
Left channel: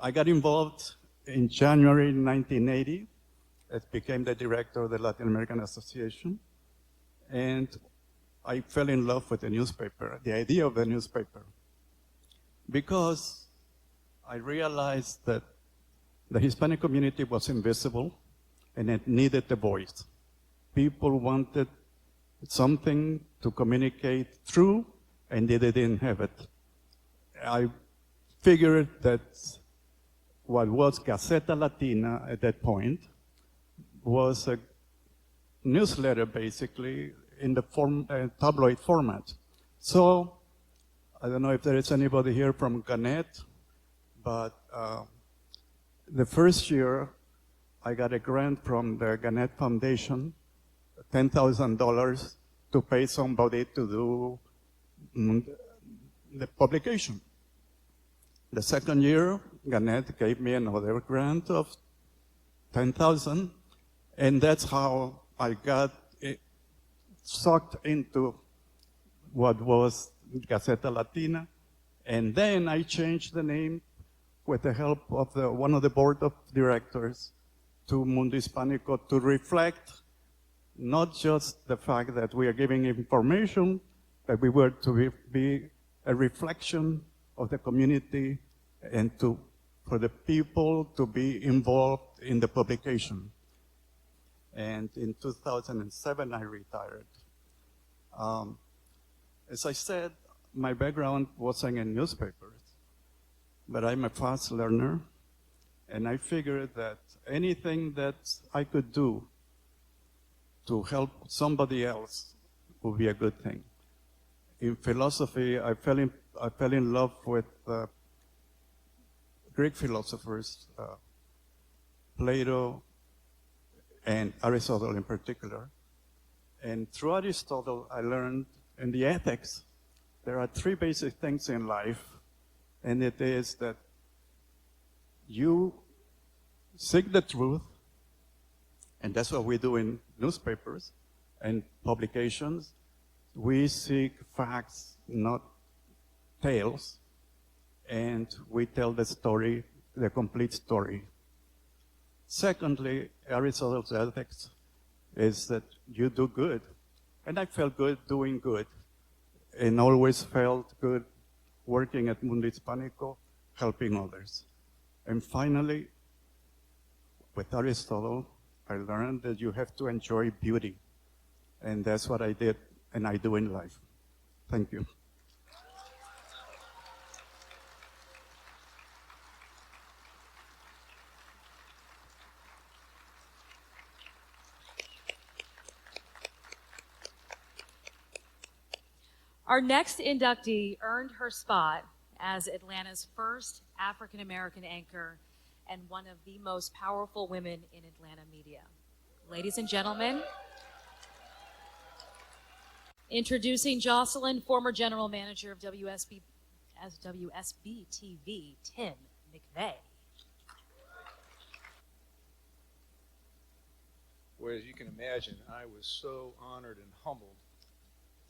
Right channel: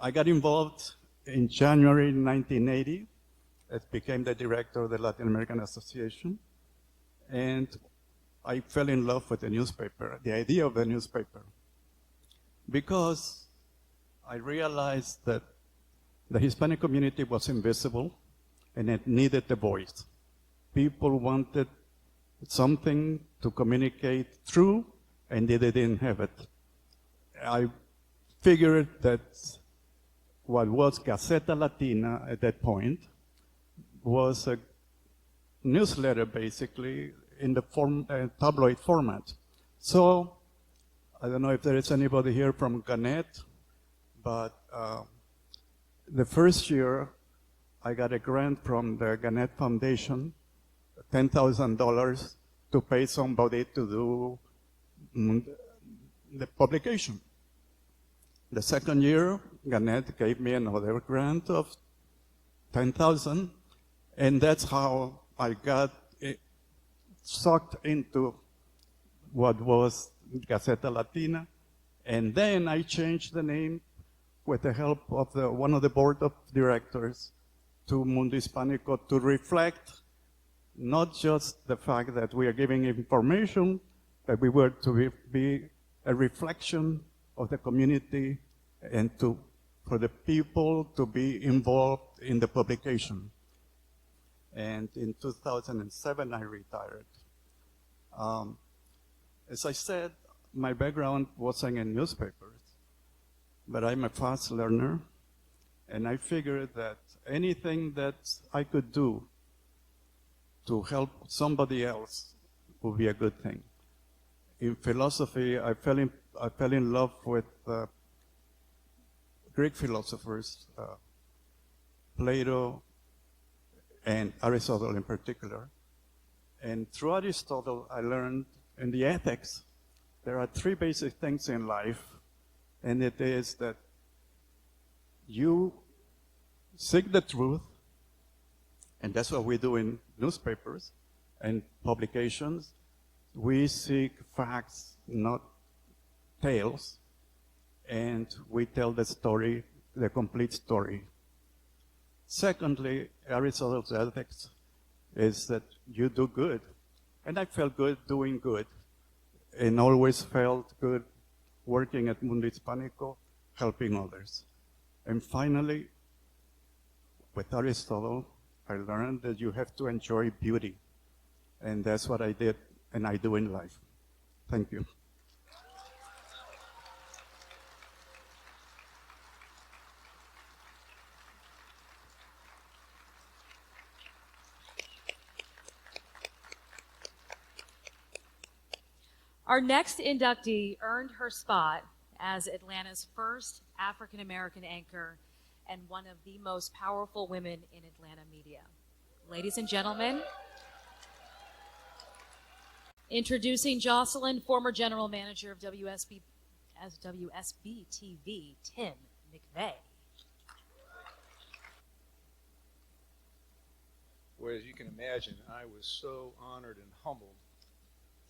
I got involved in January 1980. I became the director of the Latin American Association, and I fell in love with the newspaper, the idea of the newspaper, because I realized that the Hispanic community was invisible and it needed a voice. People wanted something to communicate through, and they didn't have it. I figured that what was Gaceta Latina at that point was a newsletter, basically, in the tabloid format. So, I don't know if there is anybody here from Gannett, but the first year, I got a grant from the Gannett Foundation, $10,000 to pay somebody to do the publication. The second year, Gannett gave me another grant of $10,000, and that's how I got sucked into what was Gaceta Latina. And then I changed the name with the help of one of the board of directors to Mundo Hispánico to reflect not just the fact that we are giving information, but we were to be a reflection of the community and for the people to be involved in the publication. And in 2007, I retired. As I said, my background wasn't in newspapers, but I'm a fast learner, and I figured that anything that I could do to help somebody else would be a good thing. In philosophy, I fell in love with Greek philosophers, Plato and Aristotle in particular. And through Aristotle, I learned in the ethics, there are three basic things in life, and it is that you seek the truth, and that's what we do in newspapers and publications. We seek facts, not tales, and we tell the story, the complete story. Secondly, Aristotle's ethics is that you do good. And I felt good doing good, and always felt good working at Mundo Hispánico, helping others. And finally, with Aristotle, I learned that you have to enjoy beauty. And that's what I did, and I do in life. Thank you. Our next inductee earned her spot as Atlanta's first African American anchor and one of the most powerful women in Atlanta media. Ladies and gentlemen, introducing Jocelyn, former general manager of WSB TV, Tim McVeigh. Well, as you can imagine, I was so honored and humbled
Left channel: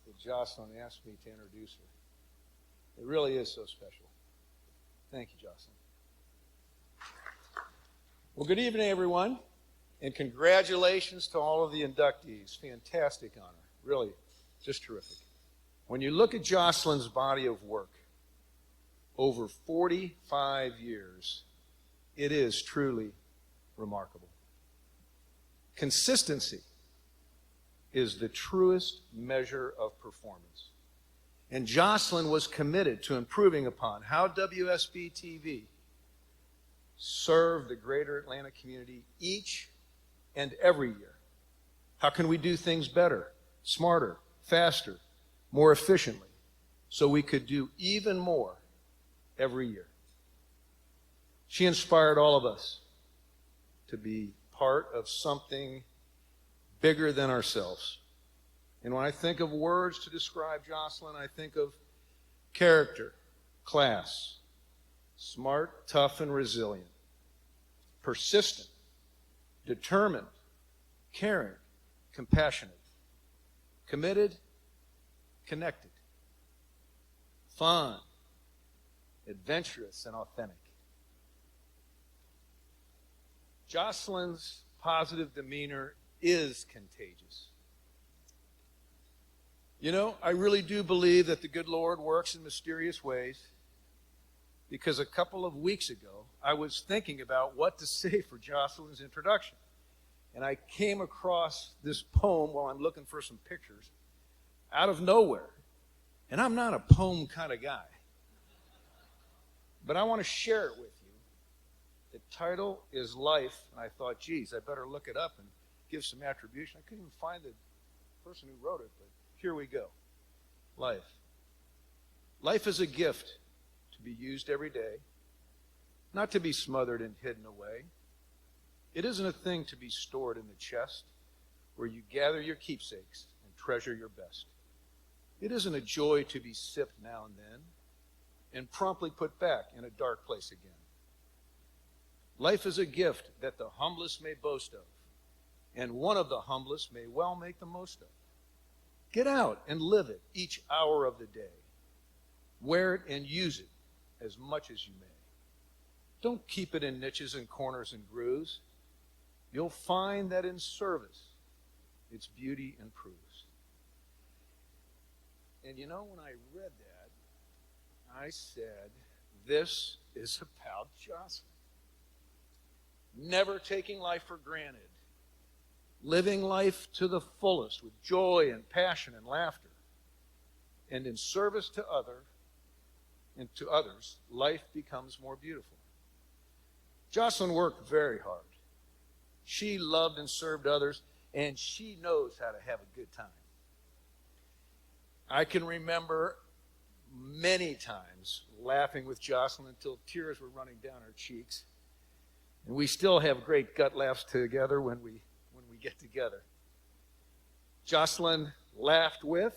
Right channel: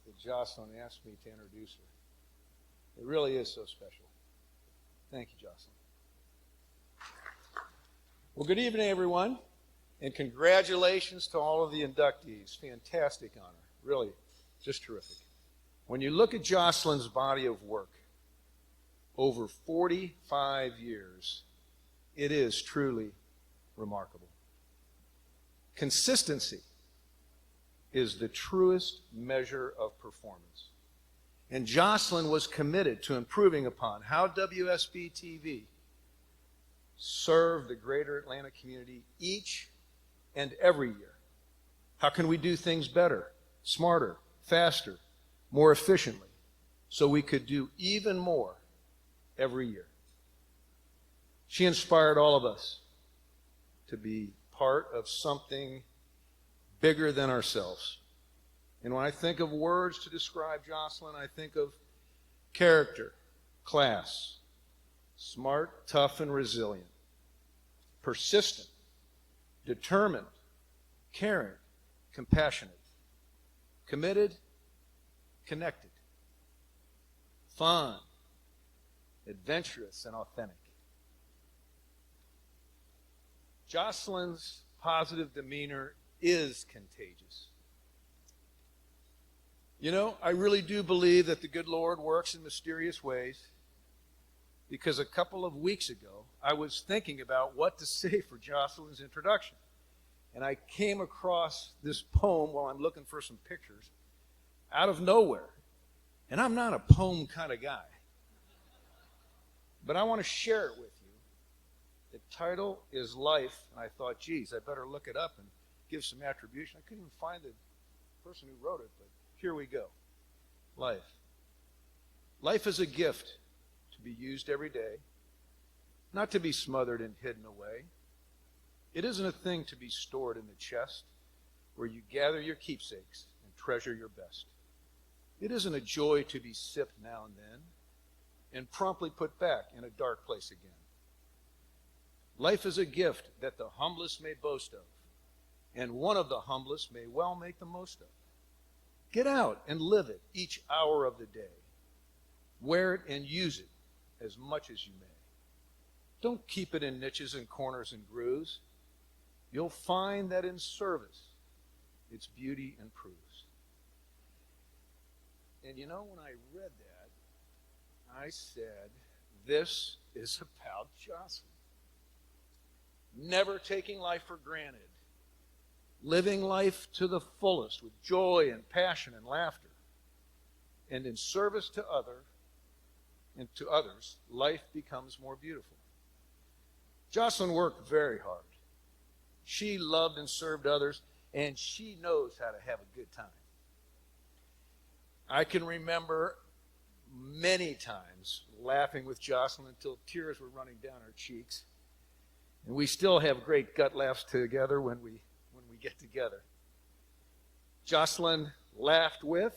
that Jocelyn asked me to introduce her. It really is so special. Thank you, Jocelyn. Well, good evening, everyone, and congratulations to all of the inductees. Fantastic honor. Really, just terrific. When you look at Jocelyn's body of work over 45 years, it is truly remarkable. Consistency is the truest measure of performance. And Jocelyn was committed to improving upon how WSB TV served the greater Atlanta community each and every year. How can we do things better, smarter, faster, more efficiently, so we could do even more every year? She inspired all of us to be part of something bigger than ourselves. And when I think of words to describe Jocelyn, I think of character, class, smart, tough, and resilient, persistent, determined, caring, compassionate, committed, connected, fun, adventurous, and authentic. Jocelyn's positive demeanor is contagious. You know, I really do believe that the good Lord works in mysterious ways, because a couple of weeks ago, I was thinking about what to say for Jocelyn's introduction. And I came across this poem while I'm looking for some pictures out of nowhere. And I'm not a poem kind of guy. But I want to share it with you. The title is Life. And I thought, geez, I better look it up and give some attribution. I couldn't even find the person who wrote it, but here we go. Life. Life is a gift to be used every day, not to be smothered and hidden away. It isn't a thing to be stored in the chest where you gather your keepsakes and treasure your best. It isn't a joy to be sipped now and then and promptly put back in a dark place again. Life is a gift that the humblest may boast of, and one of the humblest may well make the most of. Get out and live it each hour of the day. Wear it and use it as much as you may. Don't keep it in niches and corners and grooves. You'll find that in service, its beauty improves. And you know, when I read that, I said, this is about Jocelyn. Never taking life for granted. Living life to the fullest with joy and passion and laughter. And in service to others, life becomes more beautiful. Jocelyn worked very hard. She loved and served others, and she knows how to have a good time. I can remember many times laughing with Jocelyn until tears were running down her cheeks. And we still have great gut laughs together when we get together. Jocelyn laughed with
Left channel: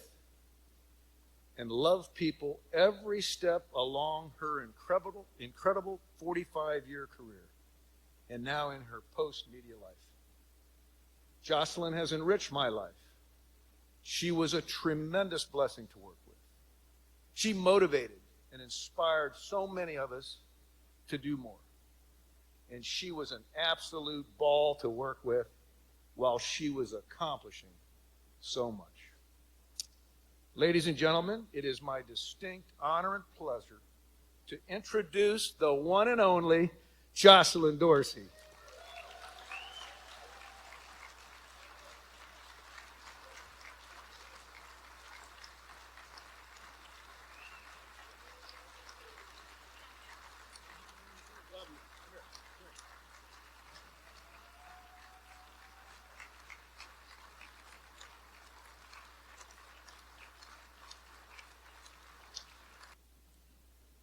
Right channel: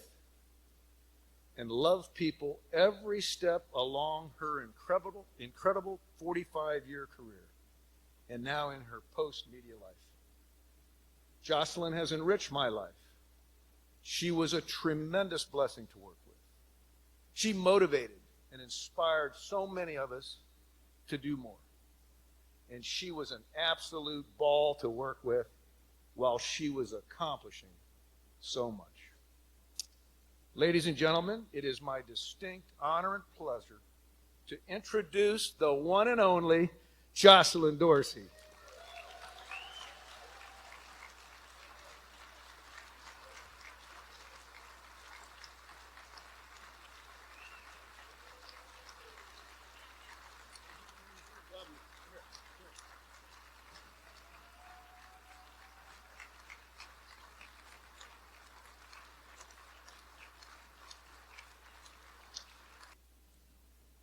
and loved people every step along her incredible 45-year career, and now in her post-media life. Jocelyn has enriched my life. She was a tremendous blessing to work with. She motivated and inspired so many of us to do more. And she was an absolute ball to work with while she was accomplishing so much. Ladies and gentlemen, it is my distinct honor and pleasure to introduce the one and only Jocelyn Dorsey.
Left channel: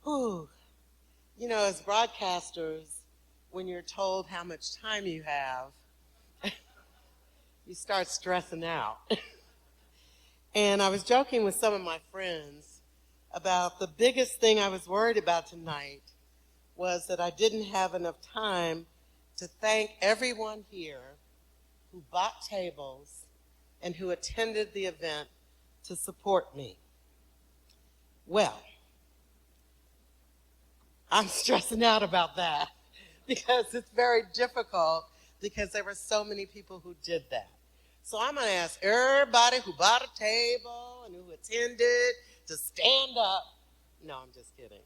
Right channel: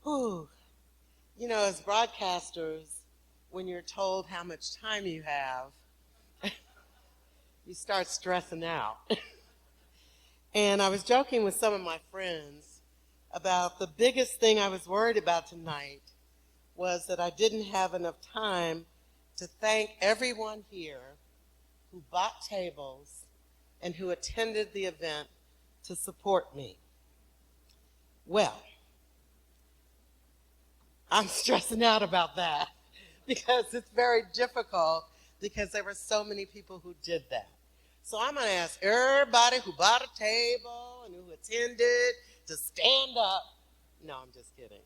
Whew. You know, as broadcasters, when you're told how much time you have, you start stressing out. And I was joking with some of my friends about the biggest thing I was worried about tonight was that I didn't have enough time to thank everyone here who bought tables and who attended the event to support me. Well, I'm stressing out about that because it's very difficult because there were so many people who did that. So I'm going to ask everybody who bought a table and who attended to stand up. No, I'm just kidding.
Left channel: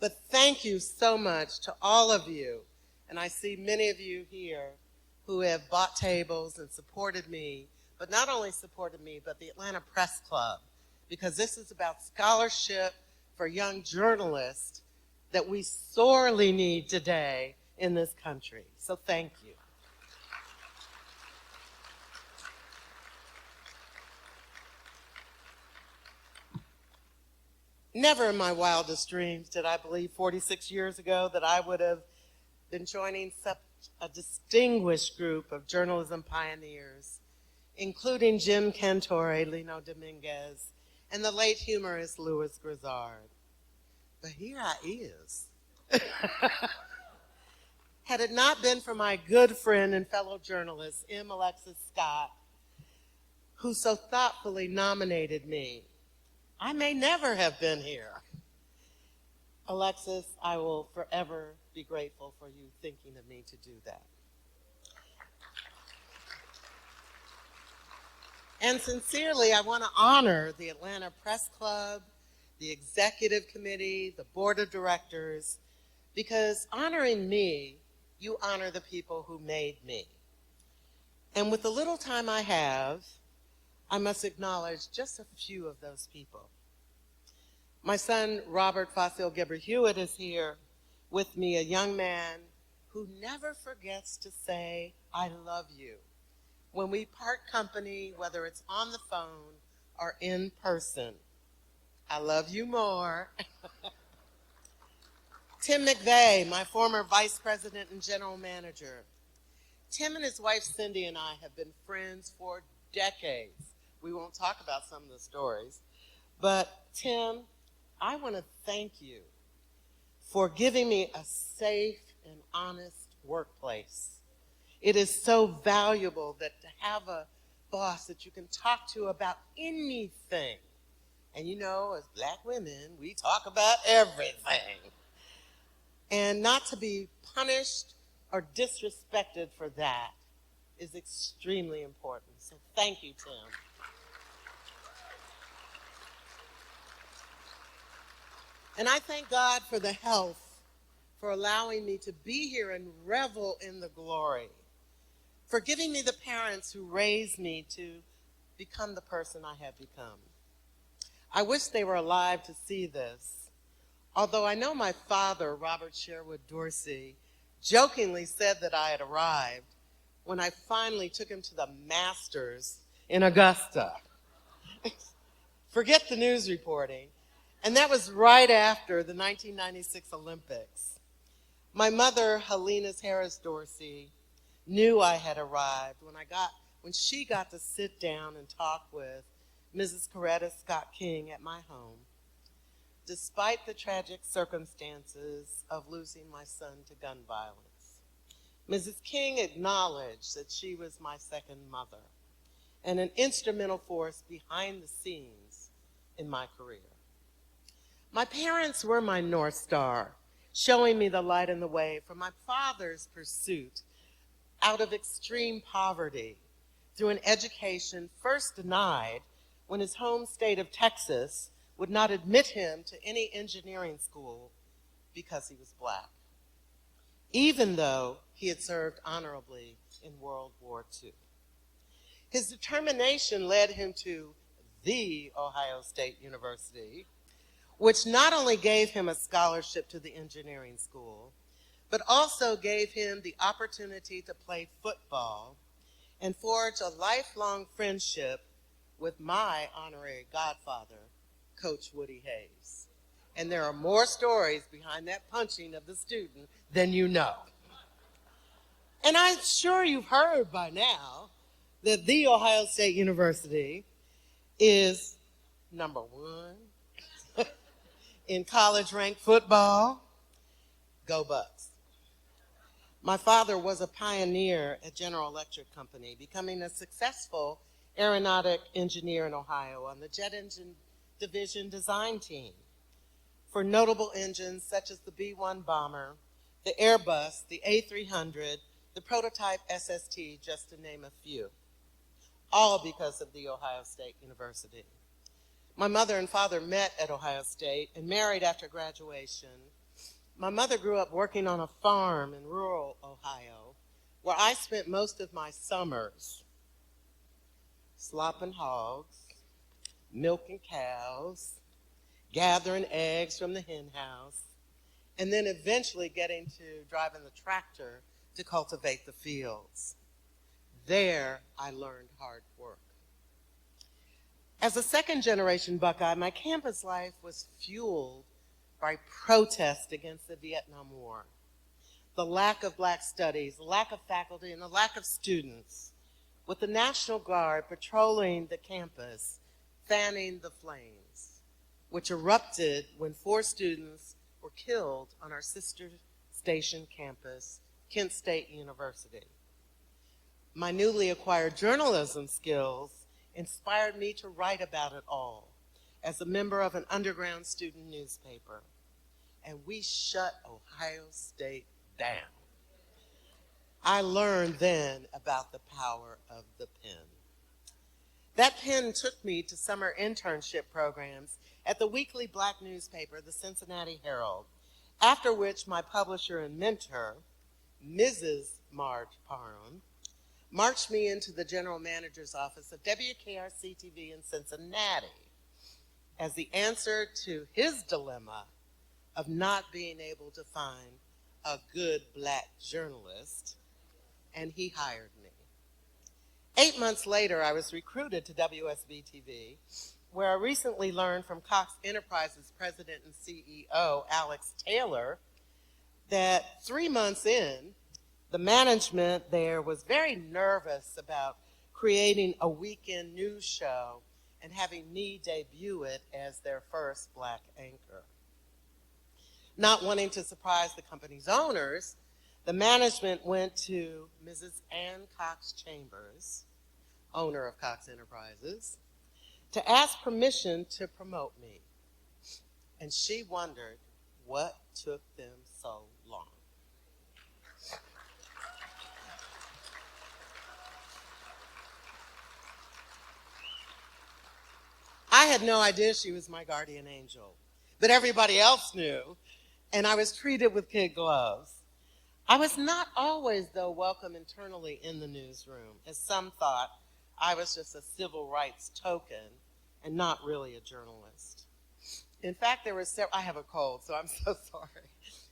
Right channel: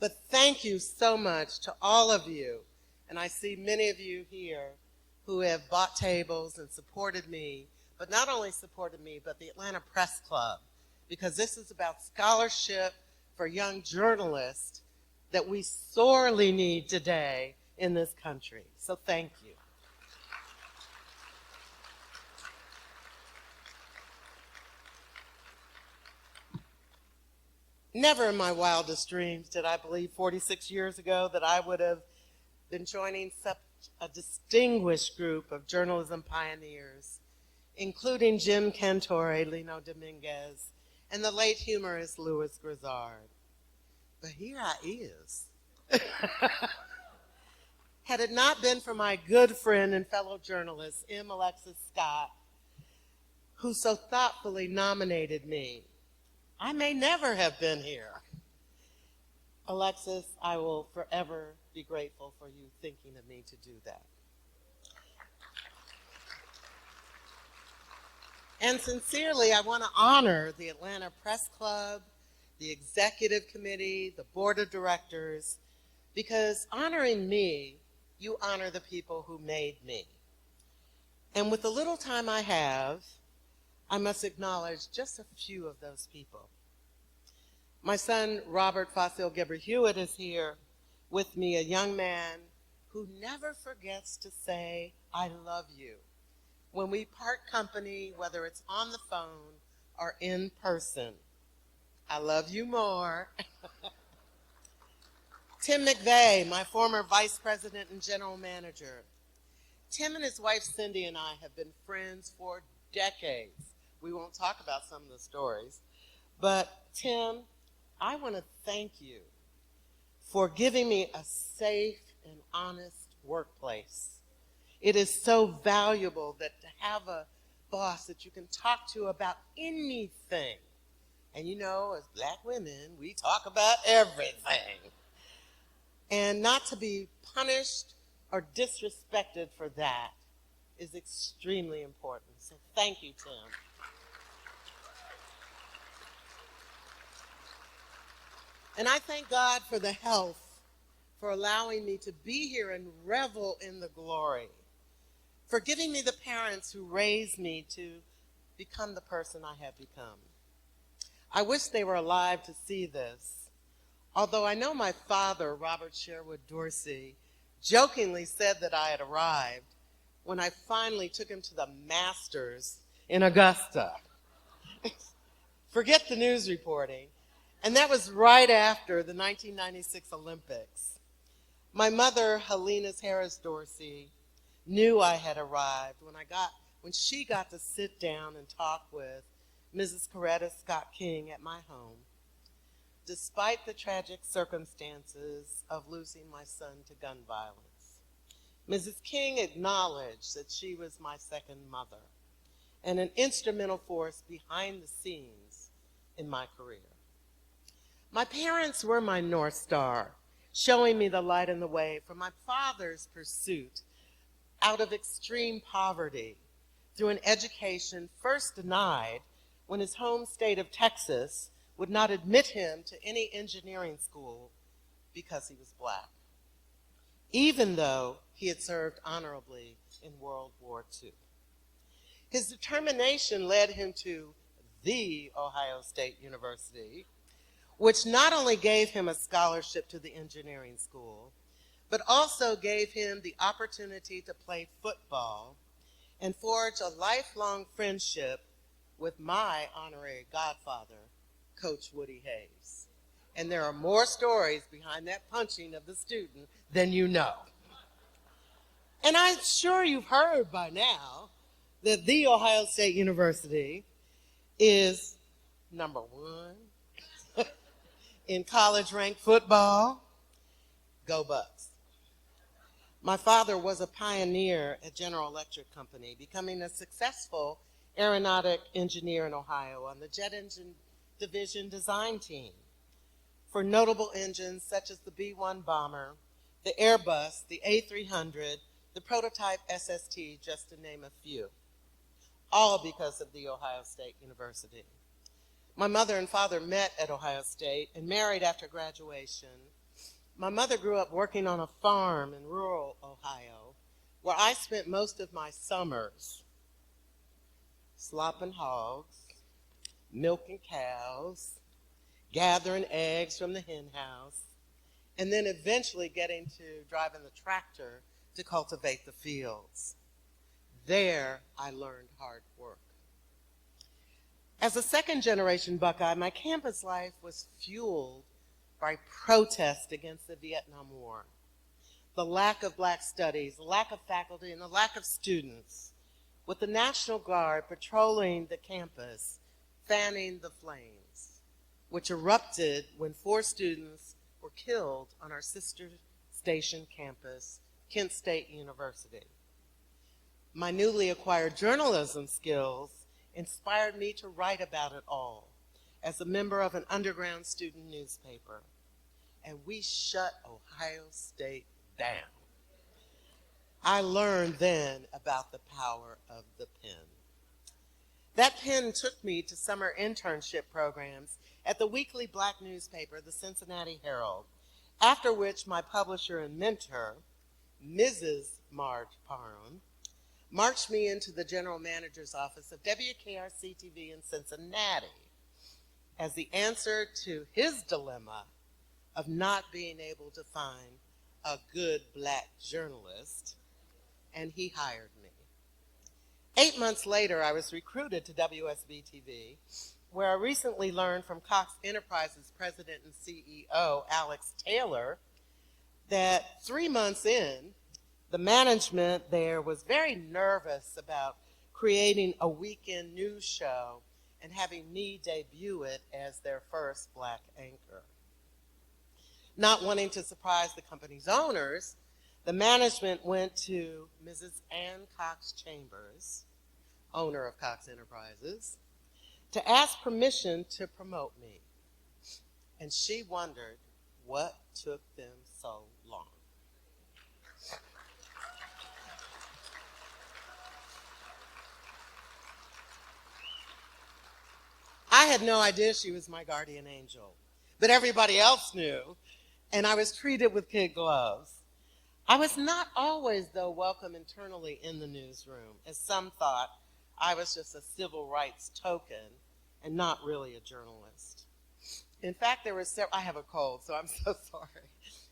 But thank you so much to all of you. And I see many of you here who have bought tables and supported me, but not only supported me, but the Atlanta Press Club, because this is about scholarship for young journalists that we sorely need today in this country. So thank you. Never in my wildest dreams did I believe 46 years ago that I would have been joining such a distinguished group of journalism pioneers, including Jim Cantore, Lino Dominguez, and the late humorist Louis Grizzard. But here I is. Had it not been for my good friend and fellow journalist, M. Alexis Scott, who so thoughtfully nominated me, I may never have been here. Alexis, I will forever be grateful for you thinking of me to do that. And sincerely, I want to honor the Atlanta Press Club, the Executive Committee, the Board of Directors, because honoring me, you honor the people who made me. And with the little time I have, I must acknowledge just a few of those people. My son, Robert Fossil Gibber Hewitt, is here with me, a young man who never forgets to say, I love you, when we part company, whether it's on the phone or in person. I love you more. Tim McVeigh, my former vice president and general manager. Tim and his wife Cindy and I have been friends for decades. We won't talk about some of the stories, but Tim, I want to thank you for giving me a safe and honest workplace. It is so valuable that to have a boss that you can talk to about anything. And you know, as black women, we talk about everything. And not to be punished or disrespected for that is extremely important. So thank you, Tim. And I thank God for the health, for allowing me to be here and revel in the glory, for giving me the parents who raised me to become the person I have become. I wish they were alive to see this, although I know my father, Robert Sherwood Dorsey, jokingly said that I had arrived when I finally took him to the Masters in Augusta. Forget the news reporting. And that was right after the 1996 Olympics. My mother, Helena Harris Dorsey, knew I had arrived when she got to sit down and talk with Mrs. Coretta Scott King at my home, despite the tragic circumstances of losing my son to gun violence. Mrs. King acknowledged that she was my second mother and an instrumental force behind the scenes in my career. My parents were my North Star, showing me the light and the way for my father's pursuit out of extreme poverty through an education first denied when his home state of Texas would not admit him to any engineering school because he was black, even though he had served honorably in World War II. His determination led him to the Ohio State University, which not only gave him a scholarship to the engineering school, but also gave him the opportunity to play football and forge a lifelong friendship with my honorary godfather, Coach Woody Hayes. And there are more stories behind that punching of the student than you know. And I'm sure you've heard by now that the Ohio State University is number one in college-ranked football. Go Bucks. My father was a pioneer at General Electric Company, becoming a successful aeronautic engineer in Ohio on the jet engine division design team for notable engines such as the B-1 bomber, the Airbus, the A300, the prototype SST, just to name a few, all because of the Ohio State University. My mother and father met at Ohio State and married after graduation. My mother grew up working on a farm in rural Ohio, where I spent most of my summers slopping hogs, milking cows, gathering eggs from the hen house, and then eventually getting to driving the tractor to cultivate the fields. There, I learned hard work. As a second-generation Buckeye, my campus life was fueled by protest against the Vietnam War, the lack of black studies, the lack of faculty, and the lack of students, with the National Guard patrolling the campus, fanning the flames, which erupted when 4 students were killed on our sister station campus, Kent State University. My newly acquired journalism skills inspired me to write about it all as a member of an underground student newspaper. And we shut Ohio State down. I learned then about the power of the pen. That pen took me to summer internship programs at the weekly black newspaper, the Cincinnati Herald, after which my publisher and mentor, Mrs. Marge Parham, marched me into the general manager's office of WKRC-TV in Cincinnati as the answer to his dilemma of not being able to find a good black journalist, and he hired me. 8 months later, I was recruited to WSB-TV, where I recently learned from Cox Enterprises president and CEO, Alex Taylor, that 3 months in, the management there was very nervous about creating a weekend news show and having me debut it as their first black anchor. Not wanting to surprise the company's owners, the management went to Mrs. Ann Cox Chambers, owner of Cox Enterprises, to ask permission to promote me. And she wondered what took them so long. I had no idea she was my guardian angel, but everybody else knew, and I was treated with kid gloves. I was not always, though, welcome internally in the newsroom, as some thought I was just a civil rights token and not really a journalist. In fact, I have a cold, so I'm so sorry.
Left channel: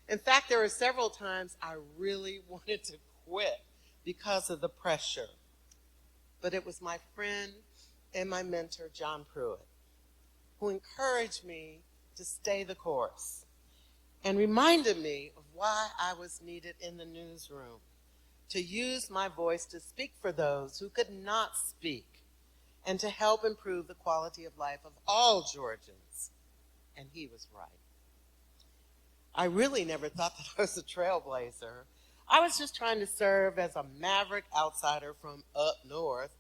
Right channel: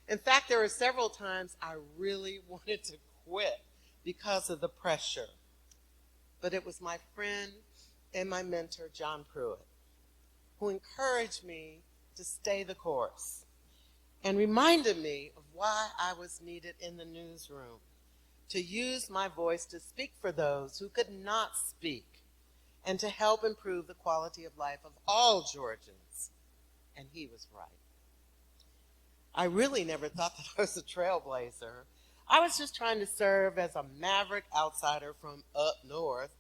In fact, there were several times I really wanted to quit because of the pressure. But it was my friend and my mentor, John Pruitt, who encouraged me to stay the course and reminded me of why I was needed in the newsroom, to use my voice to speak for those who could not speak and to help improve the quality of life of all Georgians. And he was right. I really never thought that I was a trailblazer. I was just trying to serve as a maverick outsider from up north,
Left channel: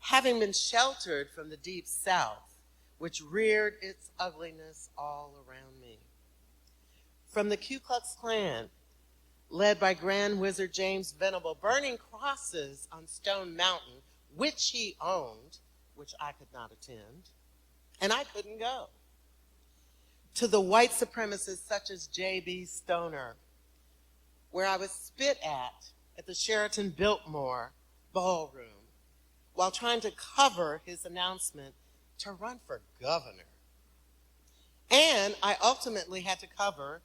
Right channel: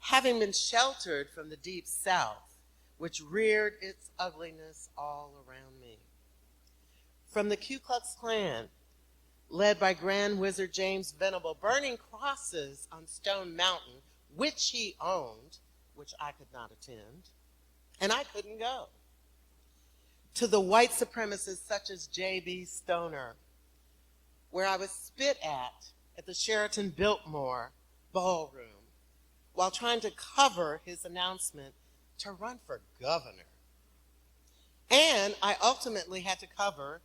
having been sheltered from the deep south, which reared its ugliness all around me. From the Ku Klux Klan, led by Grand Wizard James Venable, burning crosses on Stone Mountain, which he owned, which I could not attend, and I couldn't go. To the white supremacists such as J.B. Stoner, where I was spit at the Sheraton Biltmore ballroom while trying to cover his announcement to run for governor. And I ultimately had to cover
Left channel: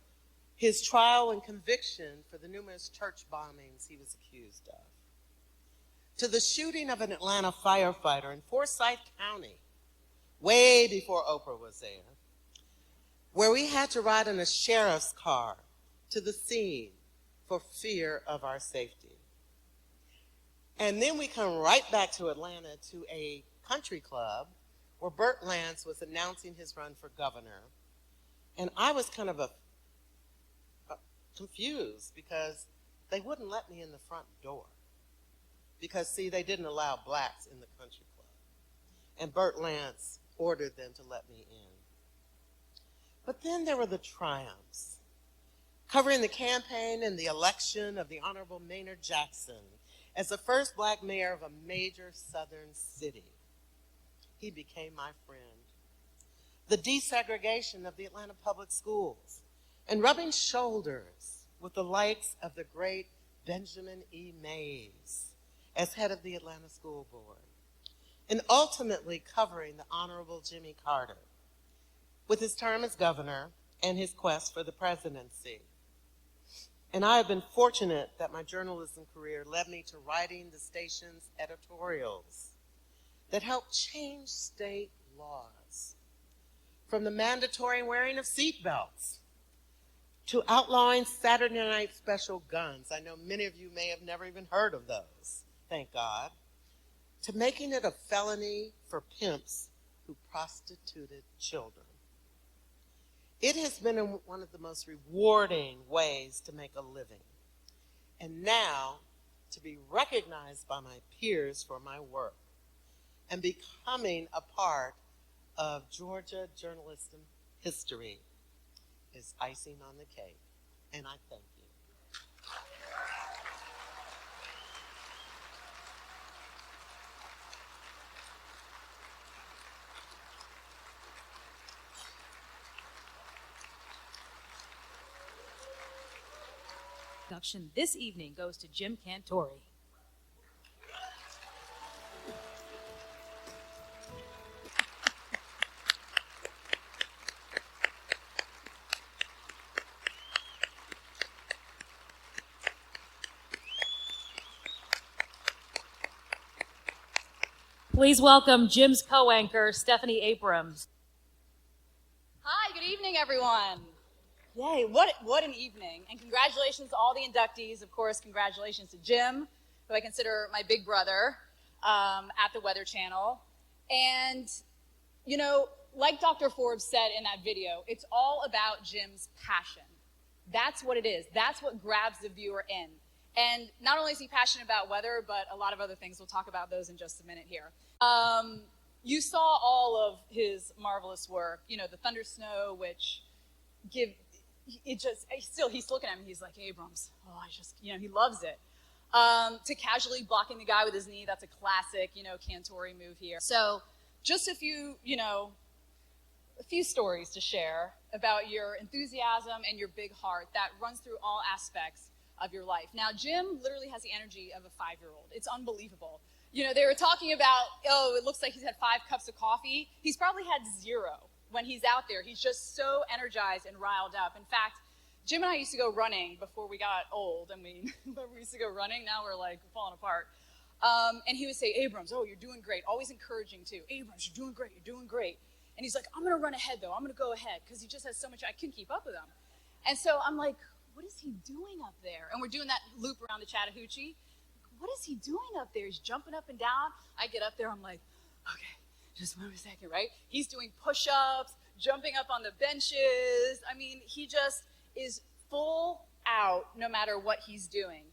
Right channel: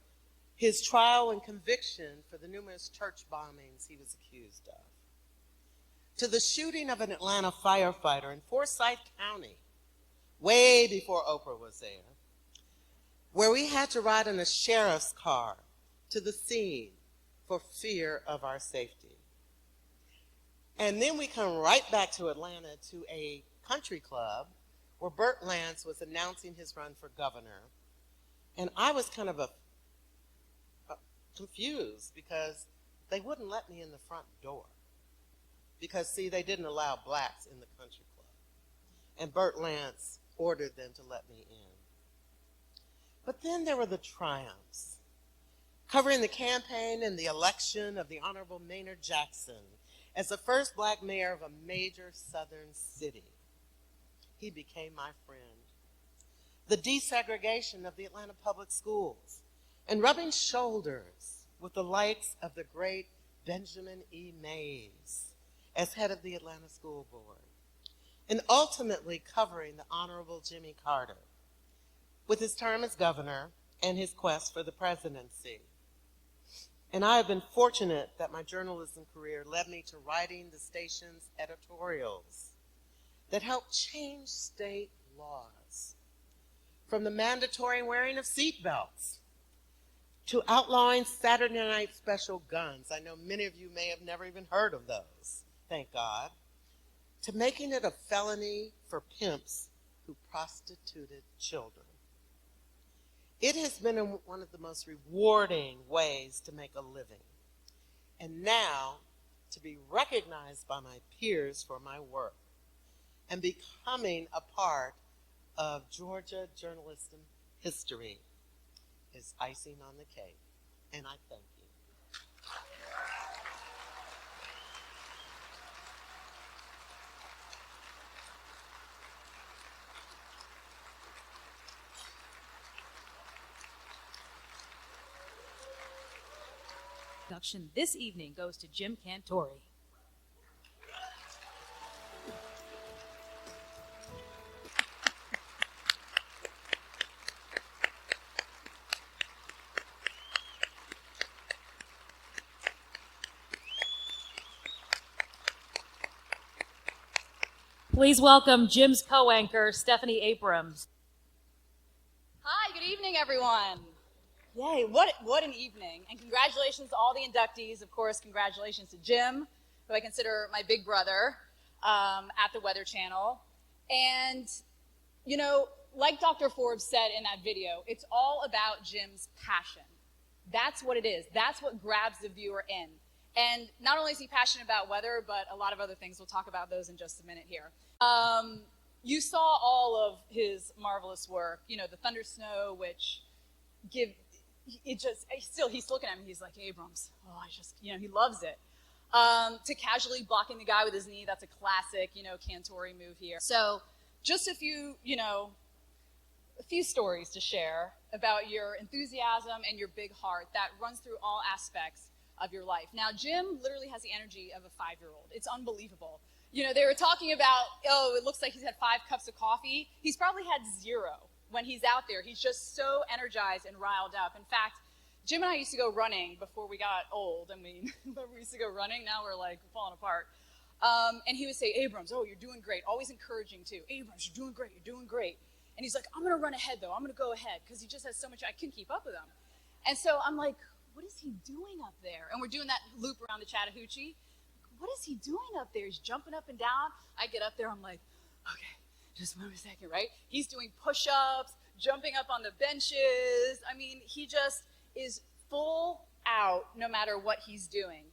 his trial and conviction for the numerous church bombings he was accused of. To the shooting of an Atlanta firefighter in Forsyth County, way before Oprah was there, where we had to ride in a sheriff's car to the scene for fear of our safety. And then we come right back to Atlanta to a country club where Burt Lance was announcing his run for governor. And I was kind of confused because they wouldn't let me in the front door. Because, see, they didn't allow blacks in the country club. And Burt Lance ordered them to let me in. But then there were the triumphs, covering the campaign and the election of the Honorable Maynard Jackson as the first black mayor of a major southern city. He became my friend. The desegregation of the Atlanta public schools and rubbing shoulders with the likes of the great Benjamin E. Mays as head of the Atlanta School Board, and ultimately covering the Honorable Jimmy Carter with his term as governor and his quest for the presidency. And I have been fortunate that my journalism career led me to writing the station's editorials that helped change state laws, from the mandatory wearing of seatbelts to outlawing Saturday night special guns. I know many of you may have never even heard of those, thank God, to making it a felony for pimps who prostituted children. It has been one of the most rewarding ways to make a living, and now to be recognized by my peers for my work and becoming a part of Georgia journalism history is icing on the cake, and I thank you. Induction this evening goes to Jim Cantori. Please welcome Jim's co-anchor, Stephanie Abrams. Hi, good evening, everyone. Yay, what an evening. And congratulations to all the inductees. Of course, congratulations to Jim, who I consider my big brother, at the Weather Channel. And, you know, like Dr. Forbes said in that video, it's all about Jim's passion. That's what it is. That's what grabs the viewer in. And not only is he passionate about weather, but a lot of other things. We'll talk about those in just a minute here. You saw all of his marvelous work. You know, the Thunder Snow, which he's looking at me, he's like, Abrams, he loves it. To casually blocking the guy with his knee, that's a classic, Cantori move here. So just a few stories to share about your enthusiasm and your big heart that runs through all aspects of your life. Now, Jim literally has the energy of a 5-year-old. It's unbelievable. They were talking about, it looks like he's had 5 cups of coffee. He's probably had 0 when he's out there. He's just so energized and riled up. In fact, Jim and I used to go running before we got old. I mean, we used to go running. Now we're like falling apart. And he would say, Abrams, you're doing great. Always encouraging too. Abrams, you're doing great. You're doing great. And he's like, I'm going to run ahead though. I'm going to go ahead because he just has so much. I couldn't keep up with him. And so I'm like, what is he doing up there? And we're doing that loop around the Chattahoochee. What is he doing up there? He's jumping up and down. I get up there. I'm like, okay, just 1 second, right? He's doing push-ups, jumping up on the benches. I mean, he just is full out no matter what he's doing.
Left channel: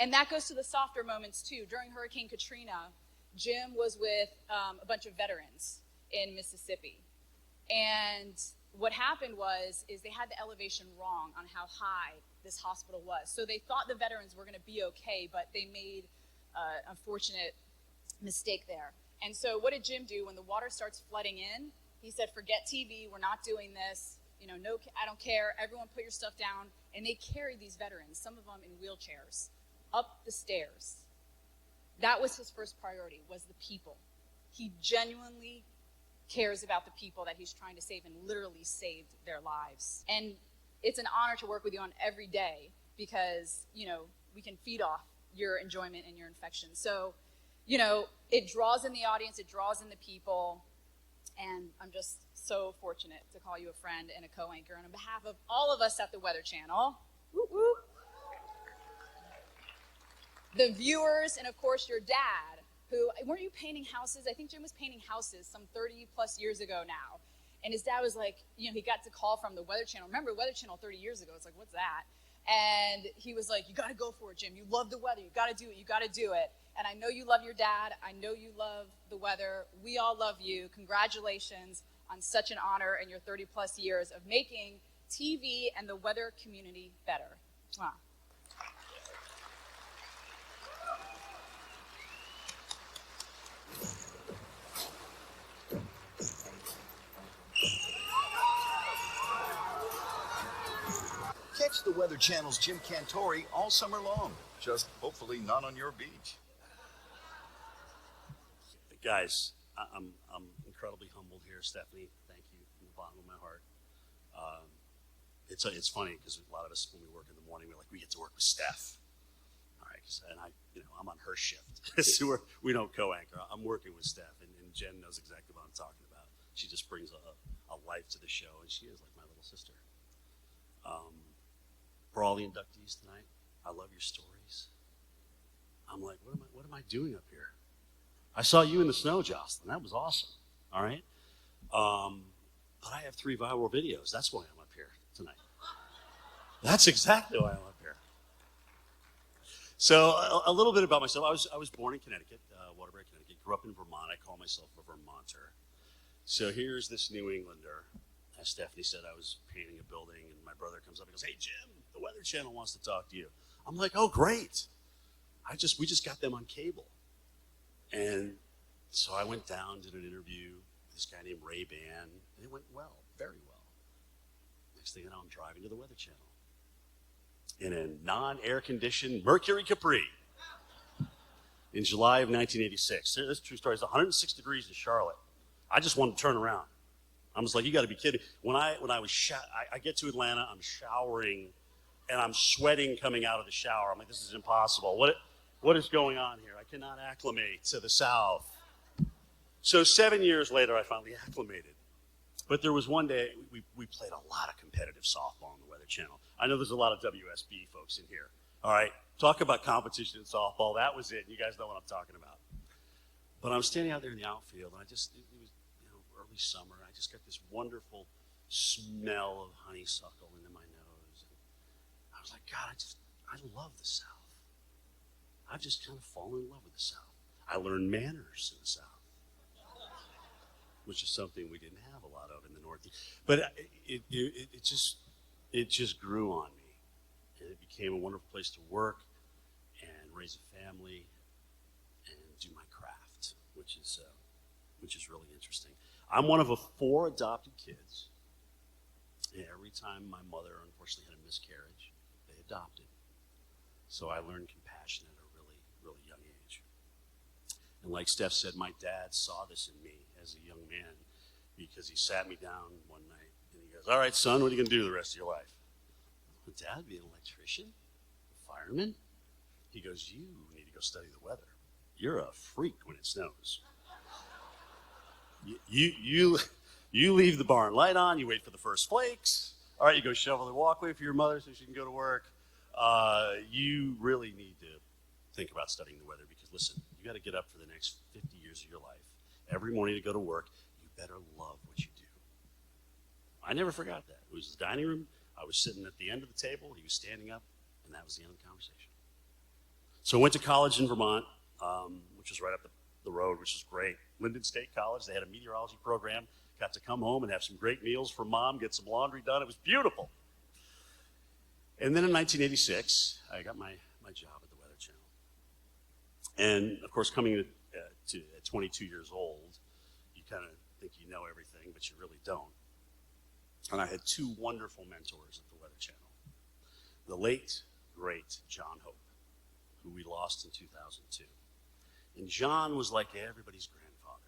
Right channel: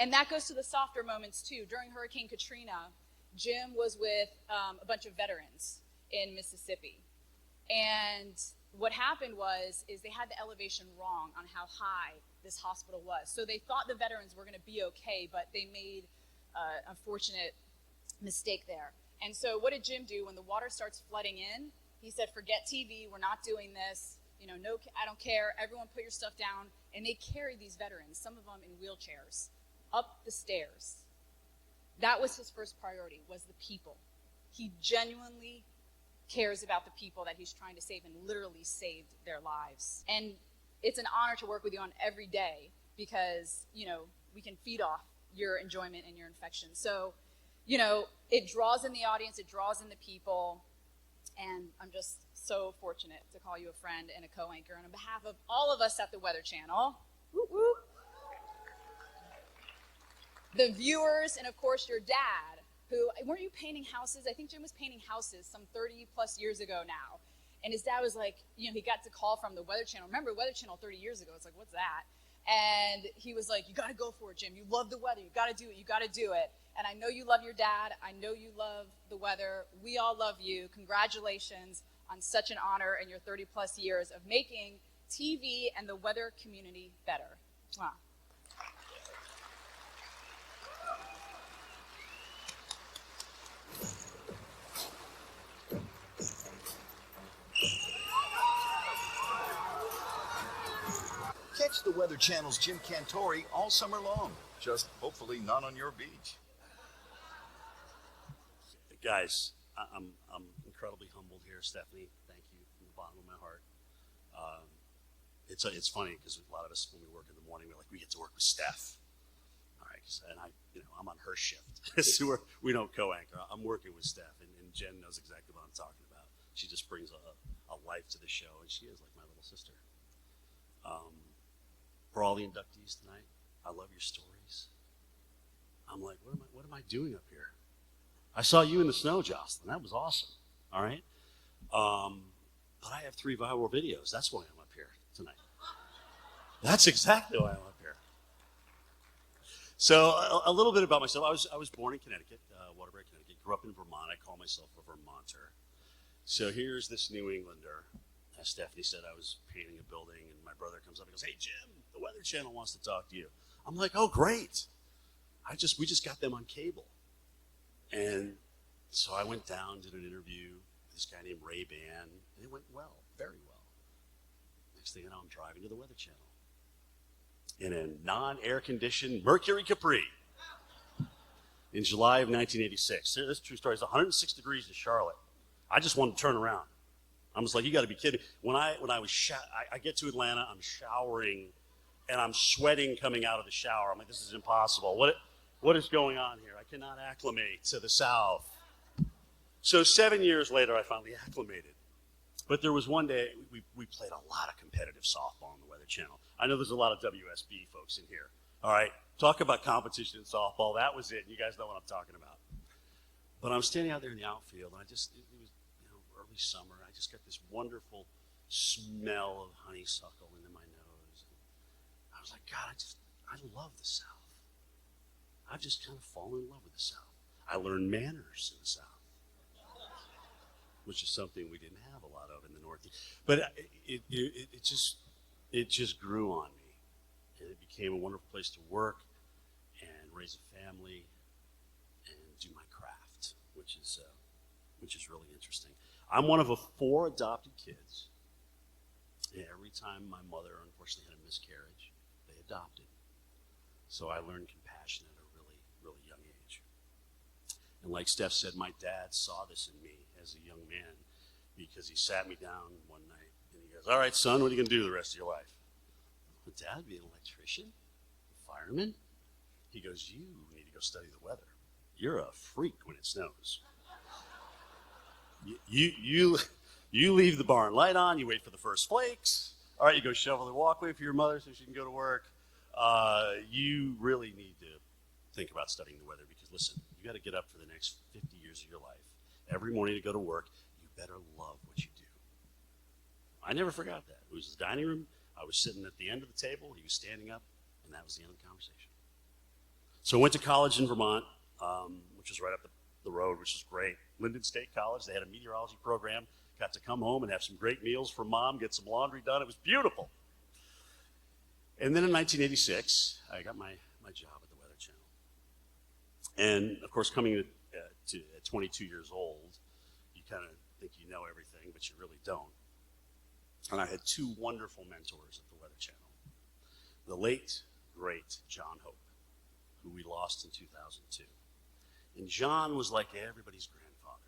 And that goes to the softer moments too. During Hurricane Katrina, Jim was with a bunch of veterans in Mississippi. And what happened is they had the elevation wrong on how high this hospital was. So they thought the veterans were going to be okay, but they made an unfortunate mistake there. And so what did Jim do when the water starts flooding in? He said, forget TV, we're not doing this. No, I don't care. Everyone put your stuff down. And they carried these veterans, some of them in wheelchairs, up the stairs. That was his first priority, was the people. He genuinely cares about the people that he's trying to save and literally saved their lives. And it's an honor to work with you on every day because, we can feed off your enjoyment and your infection. So, it draws in the audience, it draws in the people, and I'm just so fortunate to call you a friend and a co-anchor. And on behalf of all of us at the Weather Channel, whoop, whoop, the viewers, and of course your dad, who, weren't you painting houses? I think Jim was painting houses some 30 plus years ago now. And his dad was like, he got the call from the Weather Channel. Remember Weather Channel 30 years ago? It's like, what's that? And he was like, you got to go for it, Jim. You love the weather. You got to do it. You got to do it. And I know you love your dad. I know you love the weather. We all love you. Congratulations on such an honor in your 30 plus years of making TV and the weather community better. Wow. Catch the Weather Channel's Jim Cantori all summer long. Just hopefully not on your beach. Guys, I'm incredibly humbled here, Stephanie. Thank you from the bottom of my heart. It's funny because a lot of us, when we work in the morning, we're like, we get to work with Steph. All right, and I'm on her shift, so we don't co-anchor. I'm working with Steph, and Jen knows exactly what I'm talking about. She just brings a life to the show, and she is like my little sister. For all the inductees tonight, I love your stories. I'm like, what am I doing up here? I saw you in the snow, Jocelyn. That was awesome. All right. But I have 3 viral videos. That's why I'm up here tonight. That's exactly why I'm up here. So a little bit about myself. I was born in Connecticut, Waterbury, Connecticut. Grew up in Vermont. I call myself a Vermonter. So here's this New Englander. As Stephanie said, I was painting a building, and my brother comes up and goes, "Hey, Jim, the Weather Channel wants to talk to you." I'm like, "Oh, great. We just got them on cable." And so I went down, did an interview with this guy named Ray Ban, and it went well, very well. Next thing you know, I'm driving to the Weather Channel in a non-air-conditioned Mercury Capri in July of 1986. So this is a true story. It's 106 degrees in Charlotte. I just wanted to turn around. I was like, you got to be kidding. When I get to Atlanta, I'm showering, and I'm sweating coming out of the shower. I'm like, this is impossible. What is going on here? I cannot acclimate to the South. So 7 years later, I finally acclimated. But there was one day, we played a lot of competitive softball on the Weather Channel. I know there's a lot of WSB folks in here. All right, talk about competition in softball. That was it. You guys know what I'm talking about. But I'm standing out there in the outfield, and it was early summer. I just got this wonderful smell of honeysuckle into my nose. And I was like, God, I love the South. I've just kind of fallen in love with the South. I learned manners in the South, which is something we didn't have a lot of in the Northeast. But it just grew on me, and it became a wonderful place to work and raise a family and do my craft, which is really interesting. I'm one of 4 adopted kids. And every time my mother unfortunately had a miscarriage, they adopted. So I learned compassion at a really, really young age. And like Steph said, my dad saw this in me as a young man because he sat me down one night and he goes, "All right, son, what are you going to do the rest of your life?" But Dad, be an electrician, a fireman? He goes, "You need to go study the weather. You're a freak when it snows. You leave the barn light on, you wait for the first flakes. All right, you go shovel the walkway for your mother so she can go to work. You really need to think about studying the weather because, listen, you got to get up for the next 50 years of your life. Every morning to go to work, you better love what you do." I never forgot that. It was his dining room. I was sitting at the end of the table. He was standing up, and that was the end of the conversation. So I went to college in Vermont, which was right up the road, which was great. Linden State College. They had a meteorology program. Got to come home and have some great meals for Mom, get some laundry done. It was beautiful. And then in 1986, I got my job at the Weather Channel. And, of course, coming at 22 years old, you kind of think you know everything, but you really don't. And I had 2 wonderful mentors at the Weather Channel. The late, great John Hope, who we lost in 2002. And John was like everybody's grandfather.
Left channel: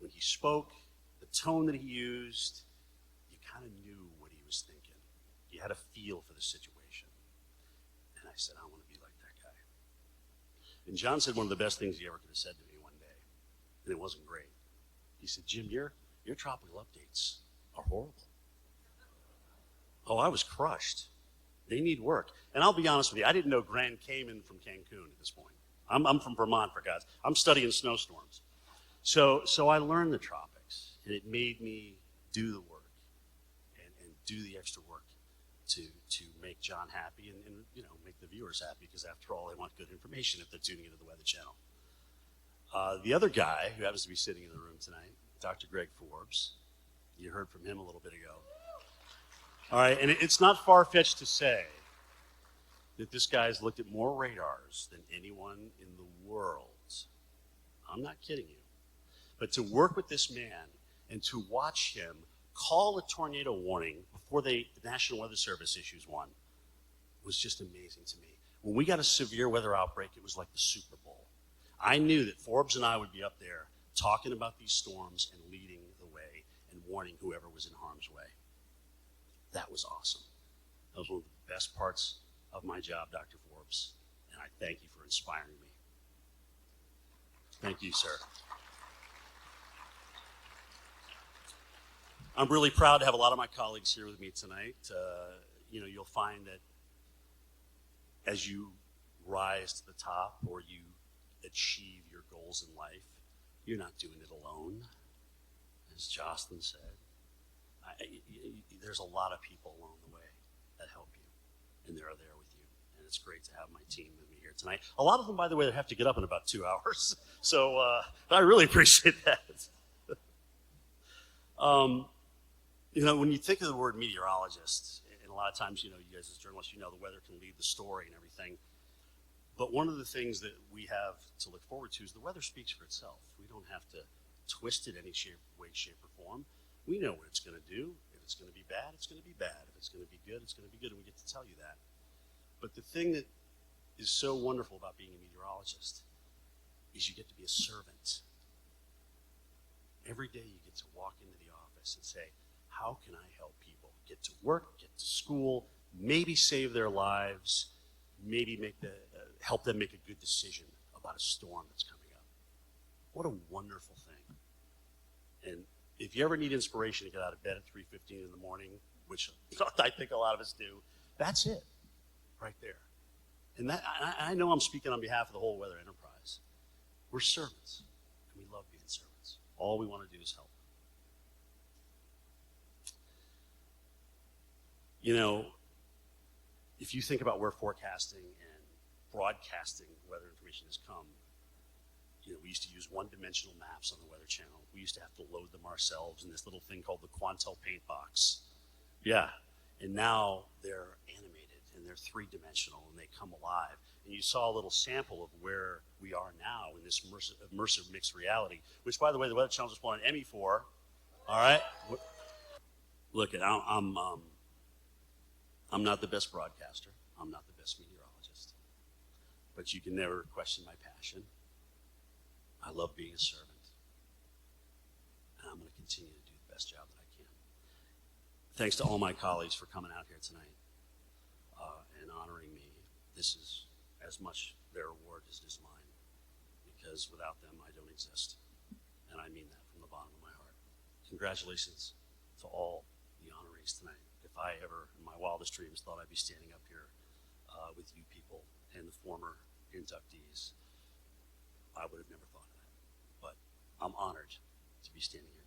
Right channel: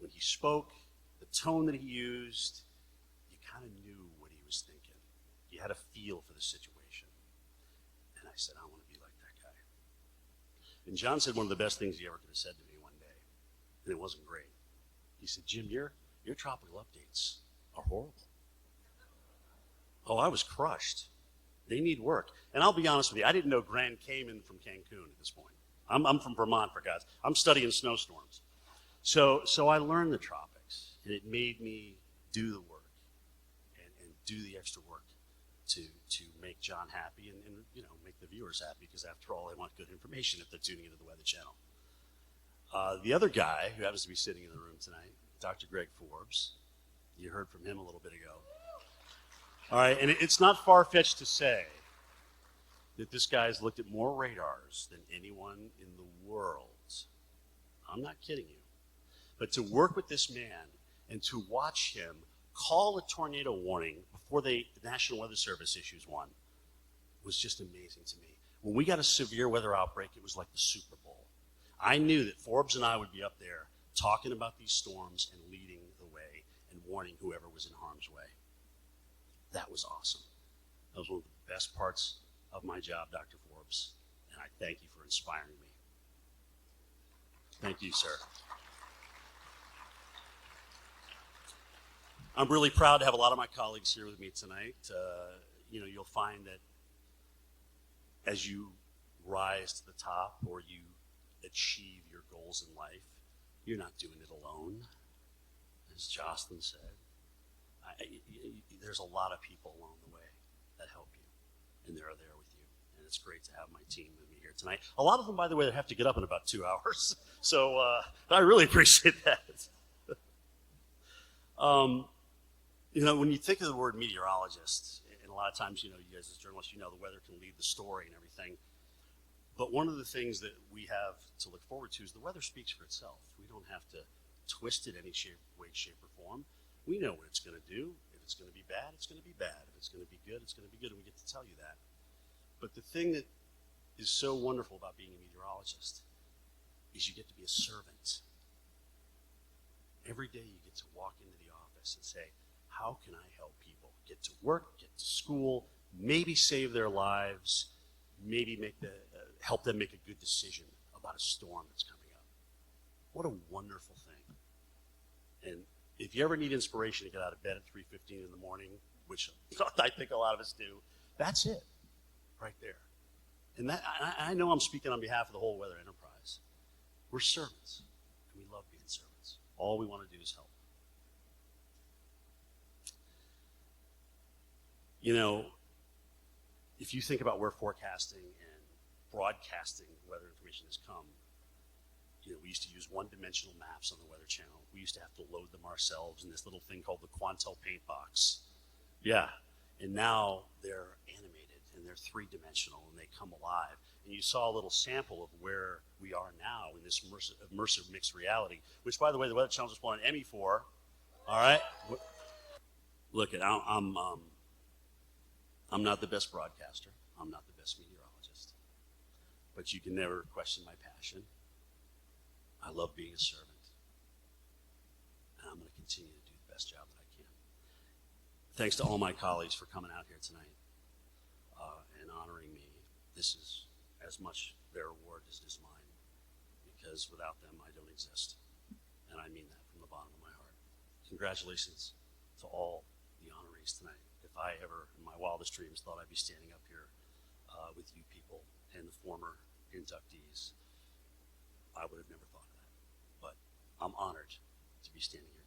When he spoke, the tone that he used, you kind of knew what he was thinking. You had a feel for the situation. And I said, I want to be like that guy. And John said one of the best things he ever could have said to me one day, and it wasn't great. He said, "Jim, your tropical updates are horrible." Oh, I was crushed. They need work. And I'll be honest with you, I didn't know Grand Cayman from Cancun at this point. I'm from Vermont, for God's. I'm studying snowstorms. So I learned the tropics, and it made me do the work and do the extra work to make John happy and make the viewers happy, because after all, they want good information if they're tuning into the Weather Channel. The other guy who happens to be sitting in the room tonight, Dr. Greg Forbes, you heard from him a little bit ago. All right, and it's not far-fetched to say that this guy's looked at more radars than anyone in the world. I'm not kidding you. But to work with this man and to watch him call a tornado warning before the National Weather Service issues one was just amazing to me. When we got a severe weather outbreak, it was like the Super Bowl. I knew that Forbes and I would be up there talking about these storms and leading the way and warning whoever was in harm's way. That was awesome. That was one of the best parts of my job, Dr. Forbes, and I thank you for inspiring me. Thank you, sir. I'm really proud to have a lot of my colleagues here with me tonight. You'll find that as you rise to the top or you achieve your goals in life, you're not doing it alone. As Jocelyn said, there's a lot of people along the way that help you, and they're there with you. And it's great to have my team with me here tonight. A lot of them, by the way, they have to get up in about 2 hours. So I really appreciate that. When you think of the word meteorologist, and a lot of times, you guys as journalists, the weather can lead the story and everything. But one of the things that we have to look forward to is the weather speaks for itself. We don't have to twist it any way, shape, or form. We know what it's going to do. If it's going to be bad, it's going to be bad. If it's going to be good, it's going to be good, and we get to tell you that. But the thing that is so wonderful about being a meteorologist is you get to be a servant. Every day you get to walk into the office and say, how can I help people get to work, get to school, maybe save their lives, maybe help them make a good decision about a storm that's coming up. What a wonderful thing. And if you ever need inspiration to get out of bed at 3:15 in the morning, which I think a lot of us do, that's it right there. And I know I'm speaking on behalf of the whole weather enterprise. We're servants, and we love being servants. All we want to do is help. If you think about where forecasting and broadcasting weather information has come, we used to use one-dimensional maps on the Weather Channel. We used to have to load them ourselves in this little thing called the Quantel paint box. Yeah, and now they're animated and they're three-dimensional and they come alive. And you saw a little sample of where we are now in this immersive mixed reality, which, by the way, the Weather Channel just won an Emmy for. All right? Look, I'm not the best broadcaster. I'm not the best meteorologist. But you can never question my passion. I love being a servant. And I'm going to continue to do the best job that I can. Thanks to all my colleagues for coming out here tonight and honoring me. This is as much their award as it is mine. Because without them, I don't exist. And I mean that from the bottom of my heart. Congratulations to all the honorees tonight. If I ever, in my wildest dreams, thought I'd be standing up here with you people and the former inductees, I would have never thought of that. But I'm honored to be standing here.